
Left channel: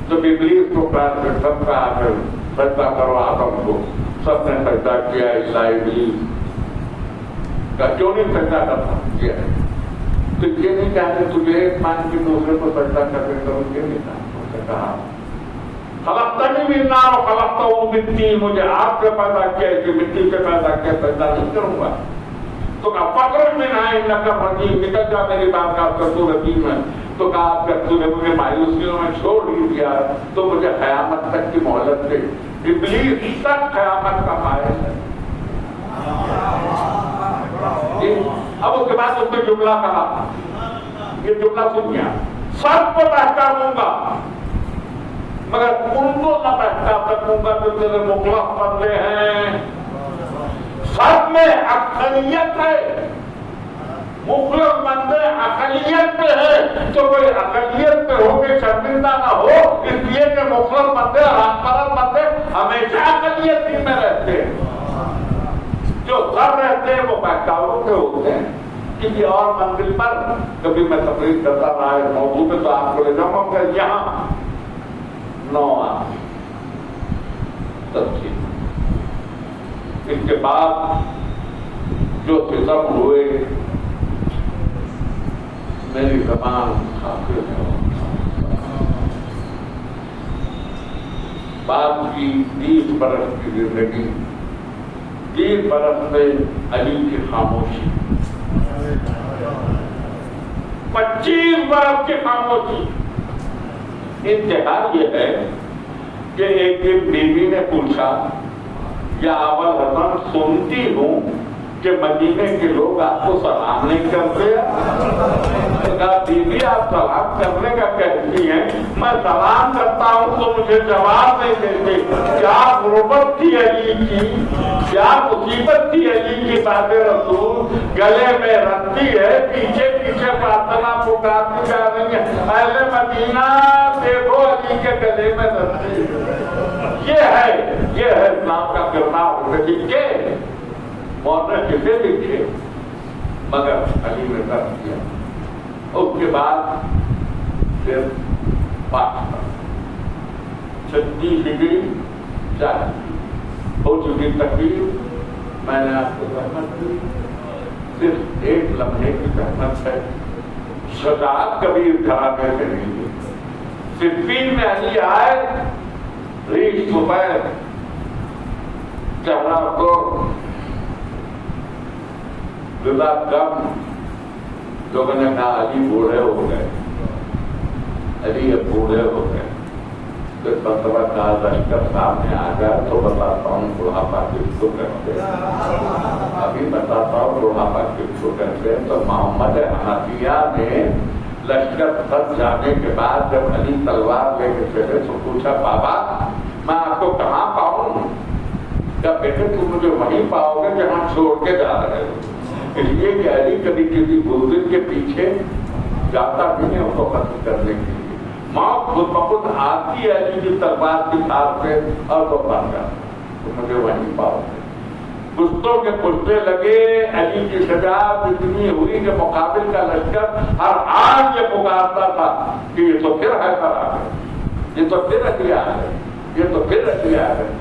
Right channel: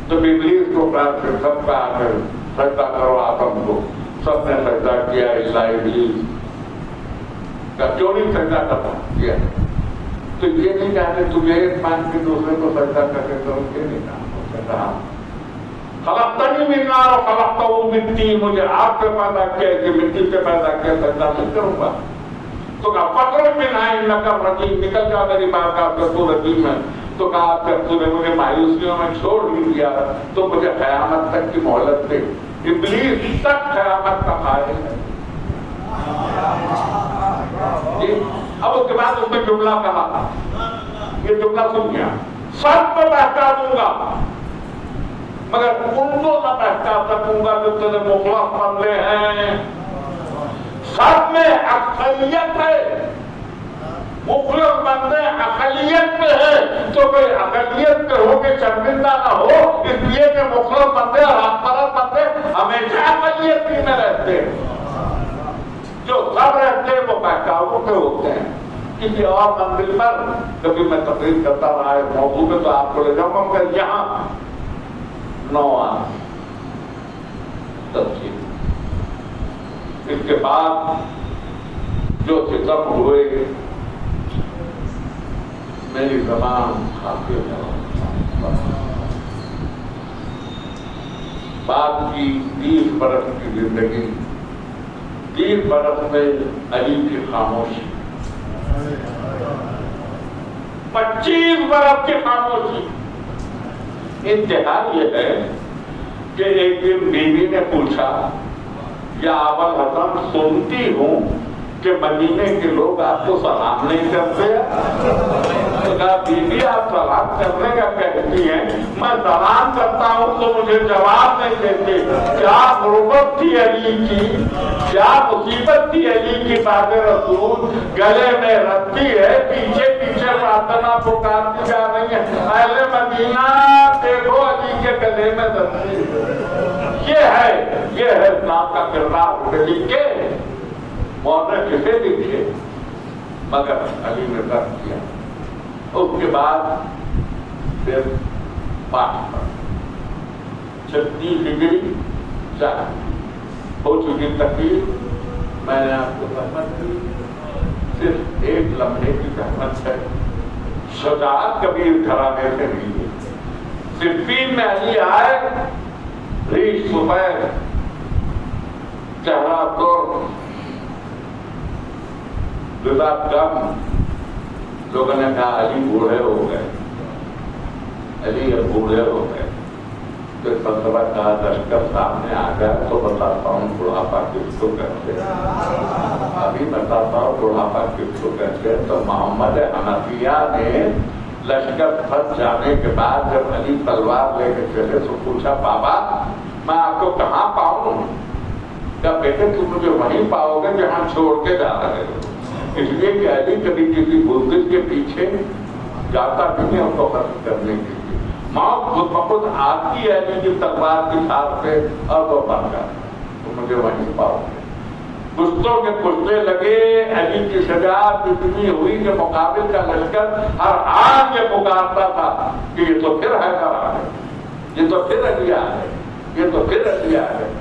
تو ابلیس کو پران کے سب کا سجدہ کرو آدم کو. سب نے سجدہ کیا الا ابلیس کا. کیوں نہیں سجدہ کرنا کیا؟ تو یہ نہیں چاہتے تجھے ایک مان کے دوسرے کو سجدہ کر کے کرو، یہ نہیں کہا. خلقتنی من نار و خلقتہ من طین، مجھے آپ سے پیدا کیا کہ مٹی سے پیدا کیا، سجدہ نہیں کروں گا. تو کہا فخرج منہا انک رجیم، نکل جا میری بارگاہ سے، تو رجیم ہے. تو کہا جب تو نے مجھے مایوسیوں میں چھوڑ ہی دیا تو مجھے قیامت تک کی مہلت دے. ابلیس تک قیامت کا قائل ہے. اب اس کے بعد اس نے جملہ کہا، یہ جملہ سن گیا، سب کو بہکا دوں گا مگر ان کو نہ بہکا سکوں گا جو تیرے مخلص بندے ہیں. سب میں اقلیت ہے، مخلص بندے اقلیت پہ ہے. تو کوئی اقلیت پہ ہو کے شرمندہ نہ ہو، اس لیے کہ مخلص بندے اور حق پرست بندے ہمیشہ اقلیت ہی میں رہتے ہیں. جو سب رہتے ہیں وہ بہکاووں پہ ہوتے ہیں. کسی اور منزل پر کبھی میں تقریر کرتا رہا ہے موضوع میں تو آپ کو لے جاؤں گا مگر یہاں 9 تفصیل. اس کے بعد جو ستم ہوئے میری زبان کھاتے بعد کی 30 برس کی زندگی، 30 برس میں علی کی خاموشی، 25 برس کی خاموشی. انتہا یہ ہے کہ ایک دن بیوی نے پوچھا، یا ابا الحسن سنتی ہوں کہ مدینے کے لوگ آپ کو سلام نہیں کرتے. تو کہا بیوی آپ سلام کرنے کا کہتی ہیں، میں سلام کرتا ہوں تو مجھے جواب نہیں دیتے. کیا غربت تھی علی کی، کیا مصیبت تھی علی کی بات رسول گلے میں رکھتی ہے، پیچھے پیچھے پرارتھنا پکارتی جا رہی ہے، اہل مدینہ دیکھو علی کے گلے میں رکھتی ہے. یہ ہے اسلام کا کردار. لکھے مولانا کسے لکھے مگر علی نے رد کیا. اس کے بعد پھر 36 ڈگری ہو چکی تقریر. میں نے آپ کو زحمت دی، صرف ایک لمحے کی زحمت ہے. شجاعت کبھی گھرانے سے نہیں ہے. صفین میں علی آئے، ریش سفید، چہرہ کو جدا کم. لوگوں نے کہا علی بوڑھے ہو گئے، علی اب بوڑھے ہو گئے. پھر مرتبہ کہا لشکر سامنے آ جائے تو بتاتا ہوں بڑھاپا کس کو کرتے ہیں. ابھی بتاتا ہوں بڑھاپا کس کو کرتے ہیں. تو محمد حنفیہ نے لشکر پھنس جانے کے بعد جب علی تلوار لے کے چلے تو پوچھا بابا میں آپ کو کہاں پاؤں؟ کیا بیٹے تم مجھے وہیں پاؤ گے جہاں چھوڑ کے جا رہے ہو. اس لیے کہ علی کبھی کسی بزرگ کے پیچھے جاتا بھی نہیں ان کو ختم کرنے کے لیے. موت خود بخود آتی ہے علی کی تلوار کی ساتھ سے اور وہ بن جاتا. تو مجھے وہیں پاؤ گے. پشتوں کے پشتے لگے. علی کی شجاعت اتنی ہوئی کہ مقابل کا لشکر ہر حال یہ پکارتا تھا کہ یہ تو پھر ہے خراب، یہ تو پھر علی آ گئے، یہ تو پھر علی آ گئے.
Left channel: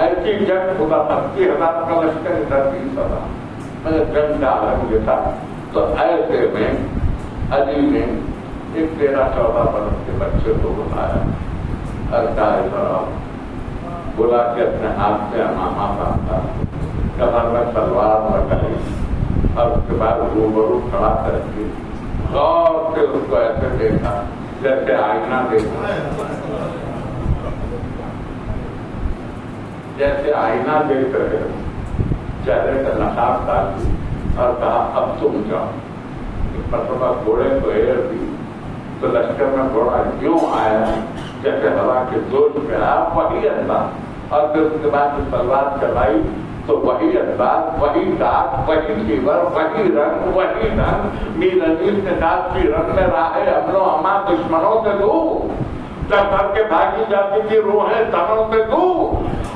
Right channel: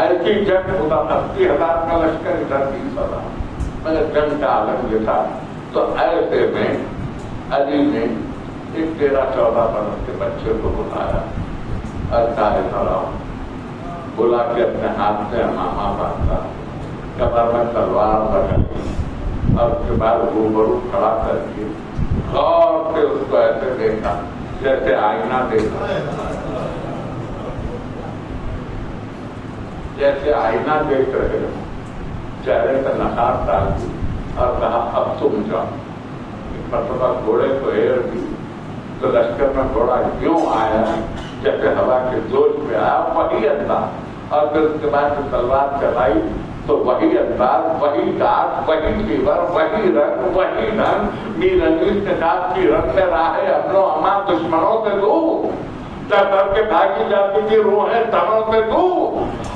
ایسی جنگ خدا 80,000 کا لشکر ادھر 30,000. مگر جنگ کا عالم یہ تھا. تو ایسے میں علی نے ایک 13-14 برس کے بچے کو بلایا اور کہا بلا کے اپنے ہاتھ سے امامہ باندھا، کمر میں تلوار لگائی اور اس کے بعد روبرو کھڑا کر کے غور سے اس کو ایسے دیکھا جیسے آئینہ دیکھا، جیسے آئینہ دیکھ رہے ہو. چہرے کا نقاب ڈال دی اور کہا اب تم جاؤ. مرتبہ گھوڑے کو ایر دی تو لشکر میں گھوڑا یوں آیا جیسے ہوا کے جوش میں آیا، وہی انداز. اور پھر اس کے بعد تلوار چلائی تو وہی انداز، وہی داغ، وہی فیور، وہی رنگ، وہی ڈھنگ. میر عزیز نے کہا کی رنگ میں راہ حمل و امان دشمنوں سے دور. کر کے بھاگی جاتی تھی روحیں تنوں سے دور،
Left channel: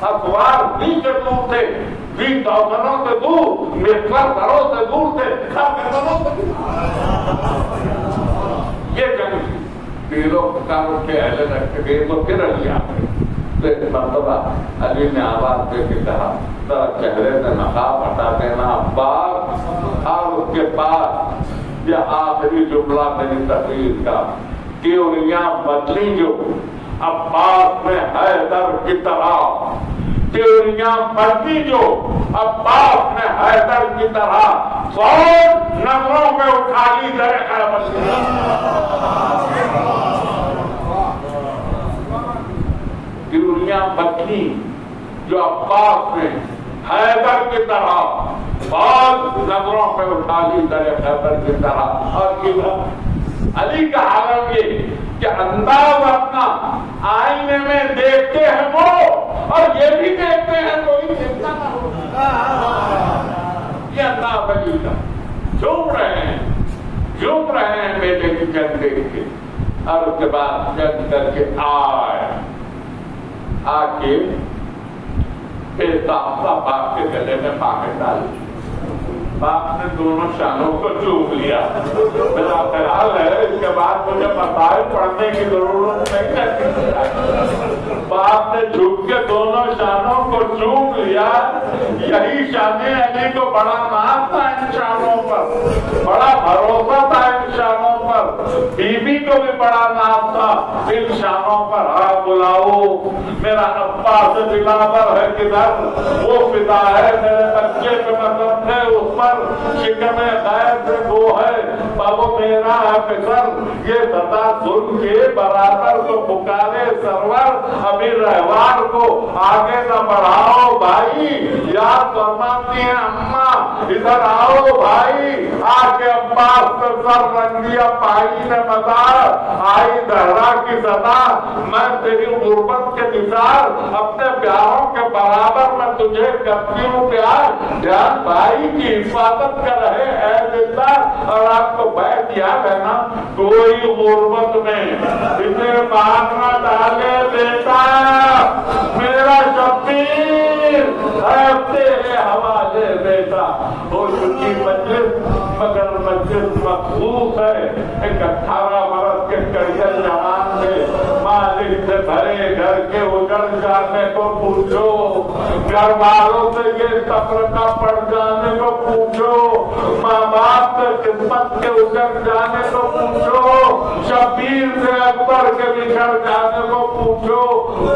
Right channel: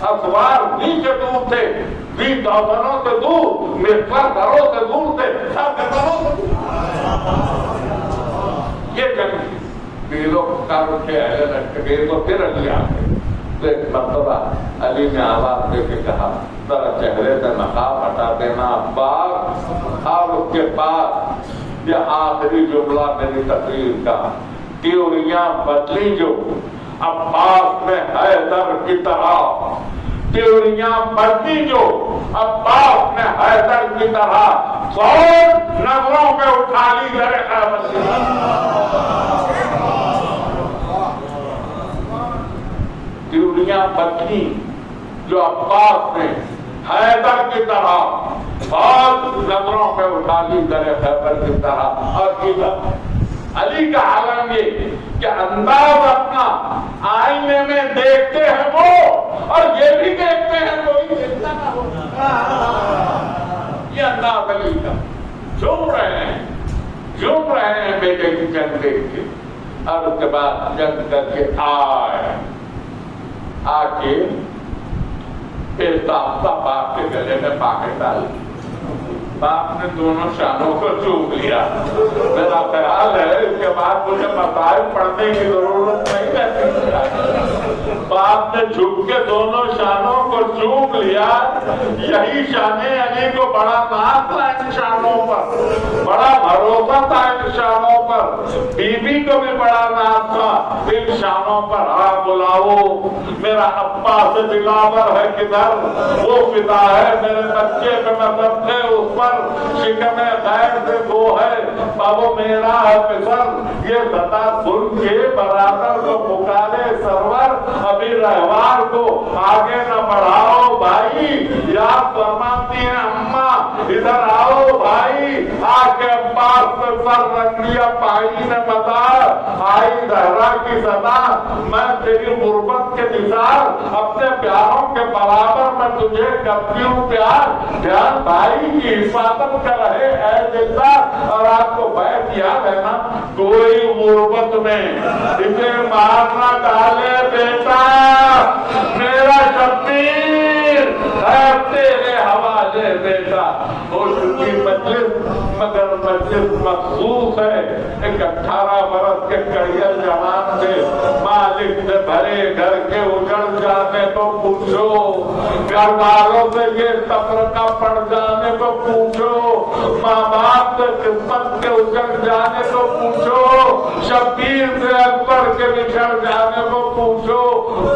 اسوار نیچے دور تھے، بھی دوسروں سے دور، مکسر گھروں سے دور تھے، سب گھروں سے دور۔ یہ جنگ بیروں کتابوں کے اہل رکھتے گئے تو پھر علی آتے تو ایک مرتبہ علی نے آواز دے کے کہا ذرا چہرے سے نقاب ہٹا دینا عباس، اور اس کے بعد یہ آخری جملہ میری تقریر کا، تیوریاں بدلی جو عباس نے حیدر کی طرح، تیوریاں بدلی جو عباس نے حیدر کی طرح، فوج نظروں میں اٹھا لی گئے تیوریاں بدلی جو عباس نے حیدر کی طرح، فوج نظروں میں اٹھا لی گئے حیدر کی طرح۔ اور علی کا عالم یہ کہ انداز اپنا آئینے میں دیکھتے ہیں وہ، اور یہ بھی دیکھتے ہیں کوئی کتنا نہ ہو، یہ انداز علی کا، جھوم رہے ہیں بیٹے کی جنگ دیکھ کے۔ اور اس کے بعد جنگ کر کے آ کے باپ کے گلے میں پاکٹ ڈالی، باپ نے دونوں شانوں کو چوم لیا۔ میرا خیال ہے اس کے بعد مجھے مسائل پڑھنے کی ضرورت نہیں ہے، باپ نے جھک کے دونوں شانوں کو چوم لیا۔ یہی شان علی کو بڑا ناز تھا ان شانوں پر، بڑا بھروسہ تھا ان شانوں پر، بیوی کو بھی بڑا ناز تھا ان شانوں پر۔ ہاں بلاؤ میرا ابا سے بلاور ہے کدھر، وہ فدا ہے میرے بچے پہ نظر تھے اس پر، شکم خیر سے وہ ہے بابو میرا ہے پسر، یہ بتا سن کے برابر کو پکارے سرور، ابھی رہوار کو آگے نہ بڑھاؤ بھائی، یاد فرماتی ہیں اماں ادھر آؤ بھائی، آ کے عباس پہ سر رکھ لیا پائی نے بتا، آئی دہرا کی سزا، میں تیری غربت کے مثال اپنے پیاروں کے برابر میں تجھے کرتی ہوں پیار، دھیان بھائی کی حفاظت کر رہے اے زندہ۔ اور آپ کو بیت یاد ہے نا، کوئی غربت میں اسے مارنا ڈالے بیٹا، میرا شبیر ہے تیرے حوالے بیٹا۔ اور ان کی مسجد مگر مسجد مخصوص ہے، ایک 18 برس کے کڑیل جوان تھے، مالک سے بھرے گھر کے اجڑ جانے کو پوچھو، گھر والوں سے یہ تفرقہ پڑ جانے کو پوچھو، ماں باپ سے خدمت کے اجڑ جانے کو پوچھو، شبیر سے اکبر کے بچھڑ جانے کو پوچھو،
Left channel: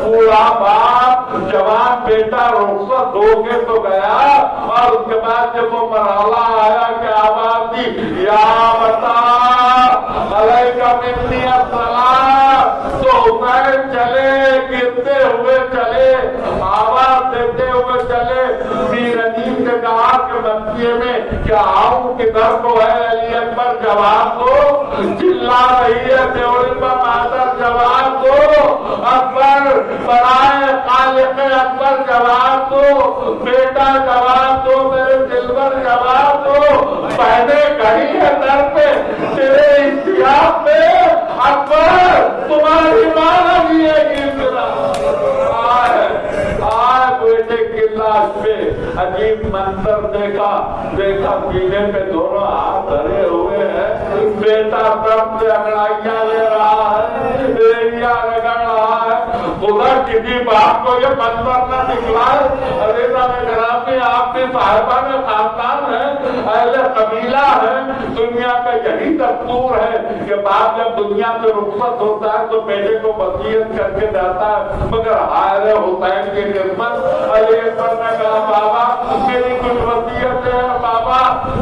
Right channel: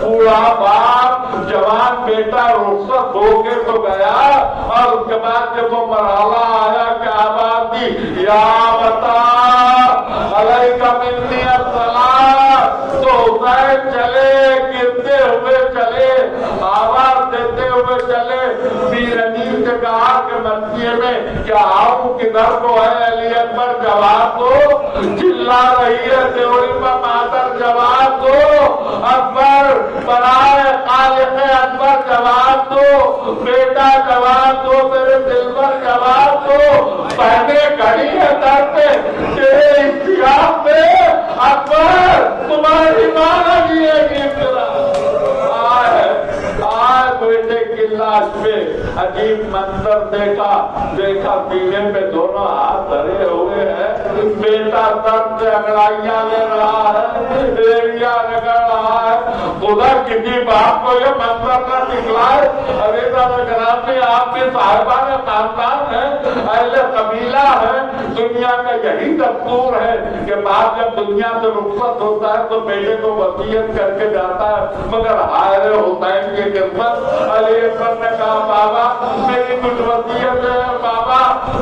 بوڑھا باپ جوان بیٹا رخصت ہو کے تو گیا، اور اس کے بعد جب وہ مرحلہ آیا کہ آواز دی یا بتا علیکہ منی السلام، تو حسین چلے گرتے ہوئے چلے، آواز دیتے ہوئے چلے، پیرنی سے کہا کہ مسجد میں کیا آؤں کدھر کو ہے علی اکبر جواب دو، چلا رہی ہے تیوری پر مادر جواب دو، اکبر برائے خالق اکبر جواب دو، بیٹا جواب دو، میرے دلبر جواب دو، پہنے کھڑی ہے در پہ تیرے اختیار پہ، اکبر تمہاری ماں لگی ہے گرنا، آئے بیٹے کی لاش پہ عجیب منظر دیکھا سینے پہ دونوں ہاتھ دھرے ہوئے ہیں، بیٹا درد سے انگڑائیاں لے رہا ہے، ایڑیاں رگڑ رہا ہے، خدا کسی باپ کو یہ منظر نہ دکھلائے۔ عزیزہ کرام نے آپ بھی صاحبان خاندان ہے، اہل قبیلہ ہے، دنیا کا یہی دستور ہے کہ باپ جب دنیا سے رخصت ہوتا ہے تو بیٹے کو وصیت کر کے جاتا ہے، مگر حائل حسین کی خدمت علی اکبر نے کہا بابا میری کچھ وصیت ہے، بابا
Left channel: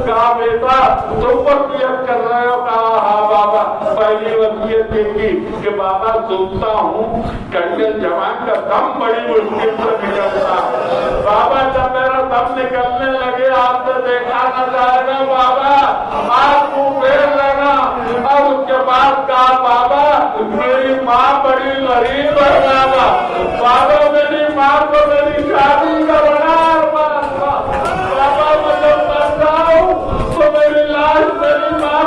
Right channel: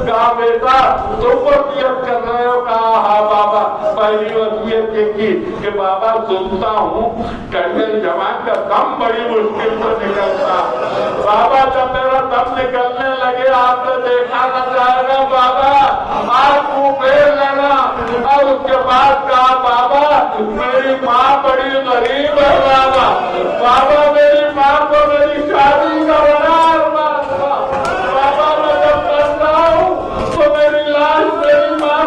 کہا بیٹا تم وصیت کر رہے ہو، کہا ہاں بابا، پہلی وصیت یہ کی کہ بابا سنتا ہوں کڑیل جوان کا دم بڑی مشکل سے نکلتا ہے، بابا جب میرا دم نکلنے لگے آپ سے دیکھا نہ جائے گا بابا، آپ کو پھیر لینا۔ اور اس کے بعد کہا بابا میری ماں بڑی غریب ہے، بابا میری ماں کو میری شادی کرنا، بابا میں جب مر جاؤں تو میری لاش میری ماں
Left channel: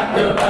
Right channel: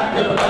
Akbar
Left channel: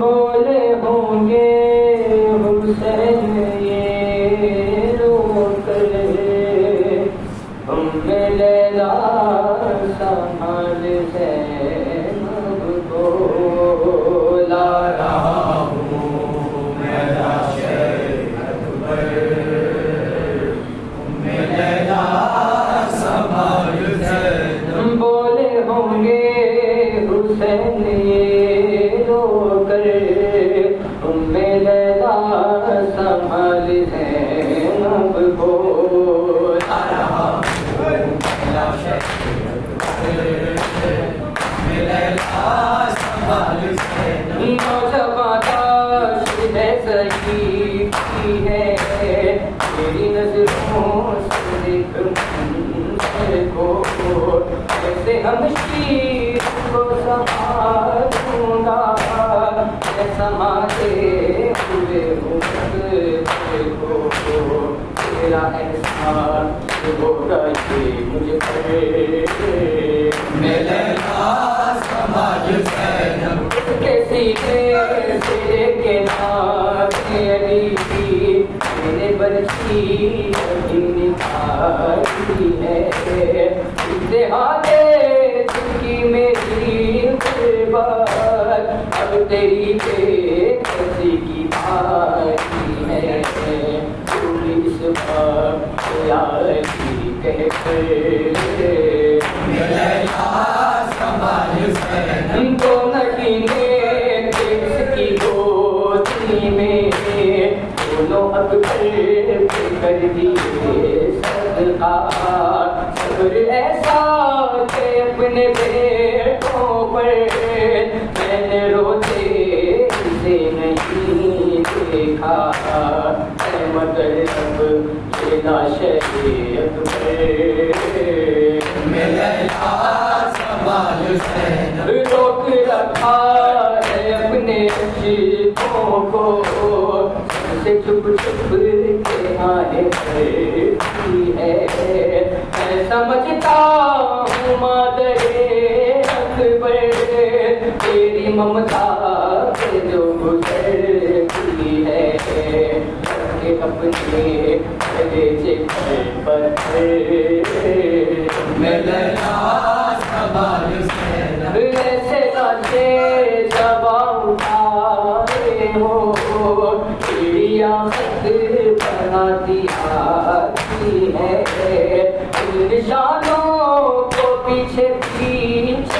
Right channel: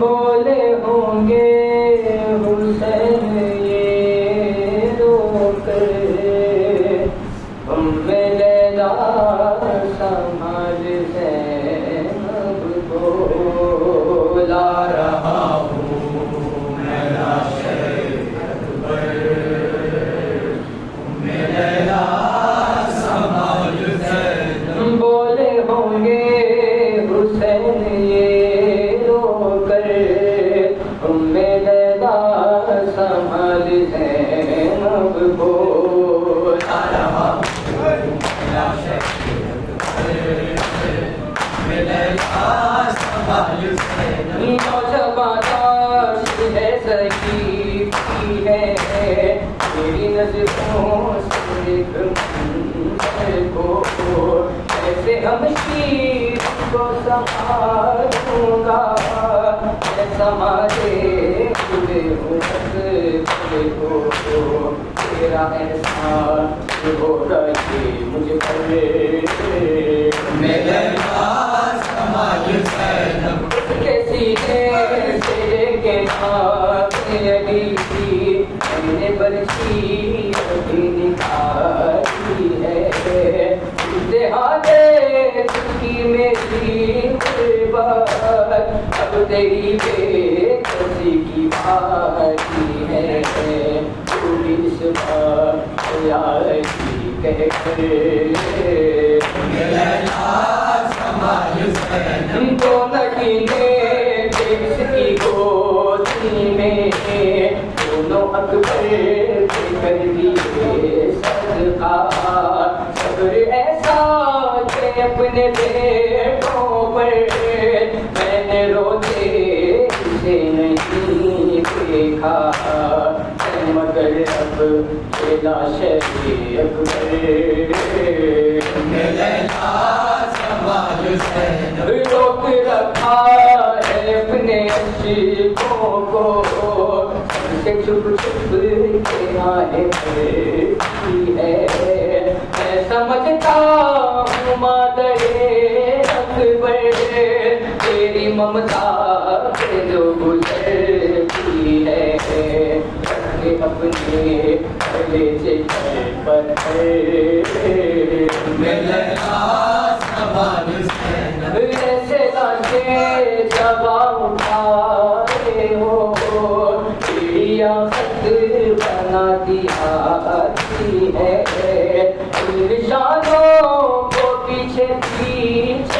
بولے ہوں گے حسین یہ رو کر ہم لیلا سنبھال زینب کو لا رہا ہوں میرا شیخ اکبر لیلا سنبھال زینب بولے ہوں گے حسین میری نظروں سے کو ایسے ہم شیر کو سنبھالوں گا سماجے پورے کو تیرا احسان ہوگا کہ مجھے کرے میرا سماج کیسی تیرے کے نام علی نے برسی نکالی ہے اتحادے چکی میری بات اب تیری بے کسی کی باری ہے پوری صبح کی کہہ کر تو نگینے جس کی گودی میں دونوں اکبر کر دیے صدقہ صبر ایسا کہ اپنے بیٹوں پر میں نے روتے اسے نہیں دیکھا مگر اب لیلا شیخ اکبر روک رکھا ہے اپنے عشقوں کو سے چھپ چھپ کے آنے کی ہے میں سمجھتا ہوں مادر اکبر تیری ممتا پہ جو گزرتی ہے کہ اپنے کلیجے پر میرے ایسے لاشے جب اٹھائے ہو خط بنا دیا ہے نشانوں کو پیچھے پیچھے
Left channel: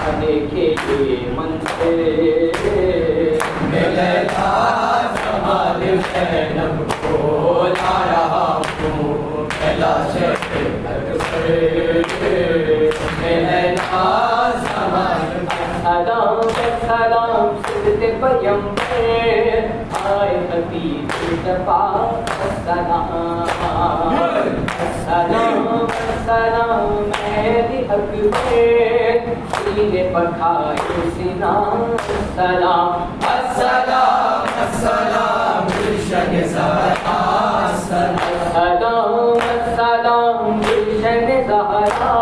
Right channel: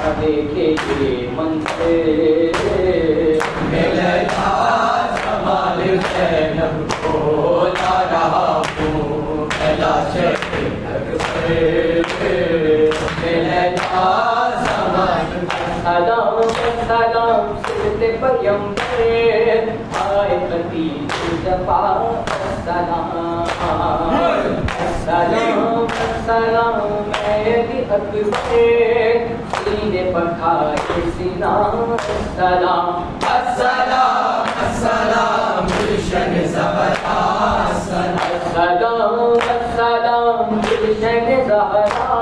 آنے کے لیے من سے میرا جمال زینب کو لا رہا ہوں کیلاش سلام سلام سرد پیمبر آئے خدیج صفا سلام سلام سلام مہدی اکبر سینے پٹھائے سینا سلام السلام السلام گلشن زہرا السلام السلام گلشن زہرا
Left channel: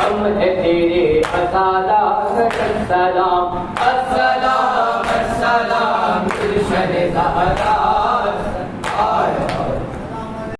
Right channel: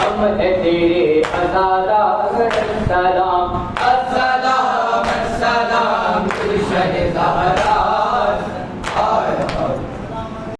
ہم ہے تیرے عزادہ السلام السلام السلام گلشن زہرا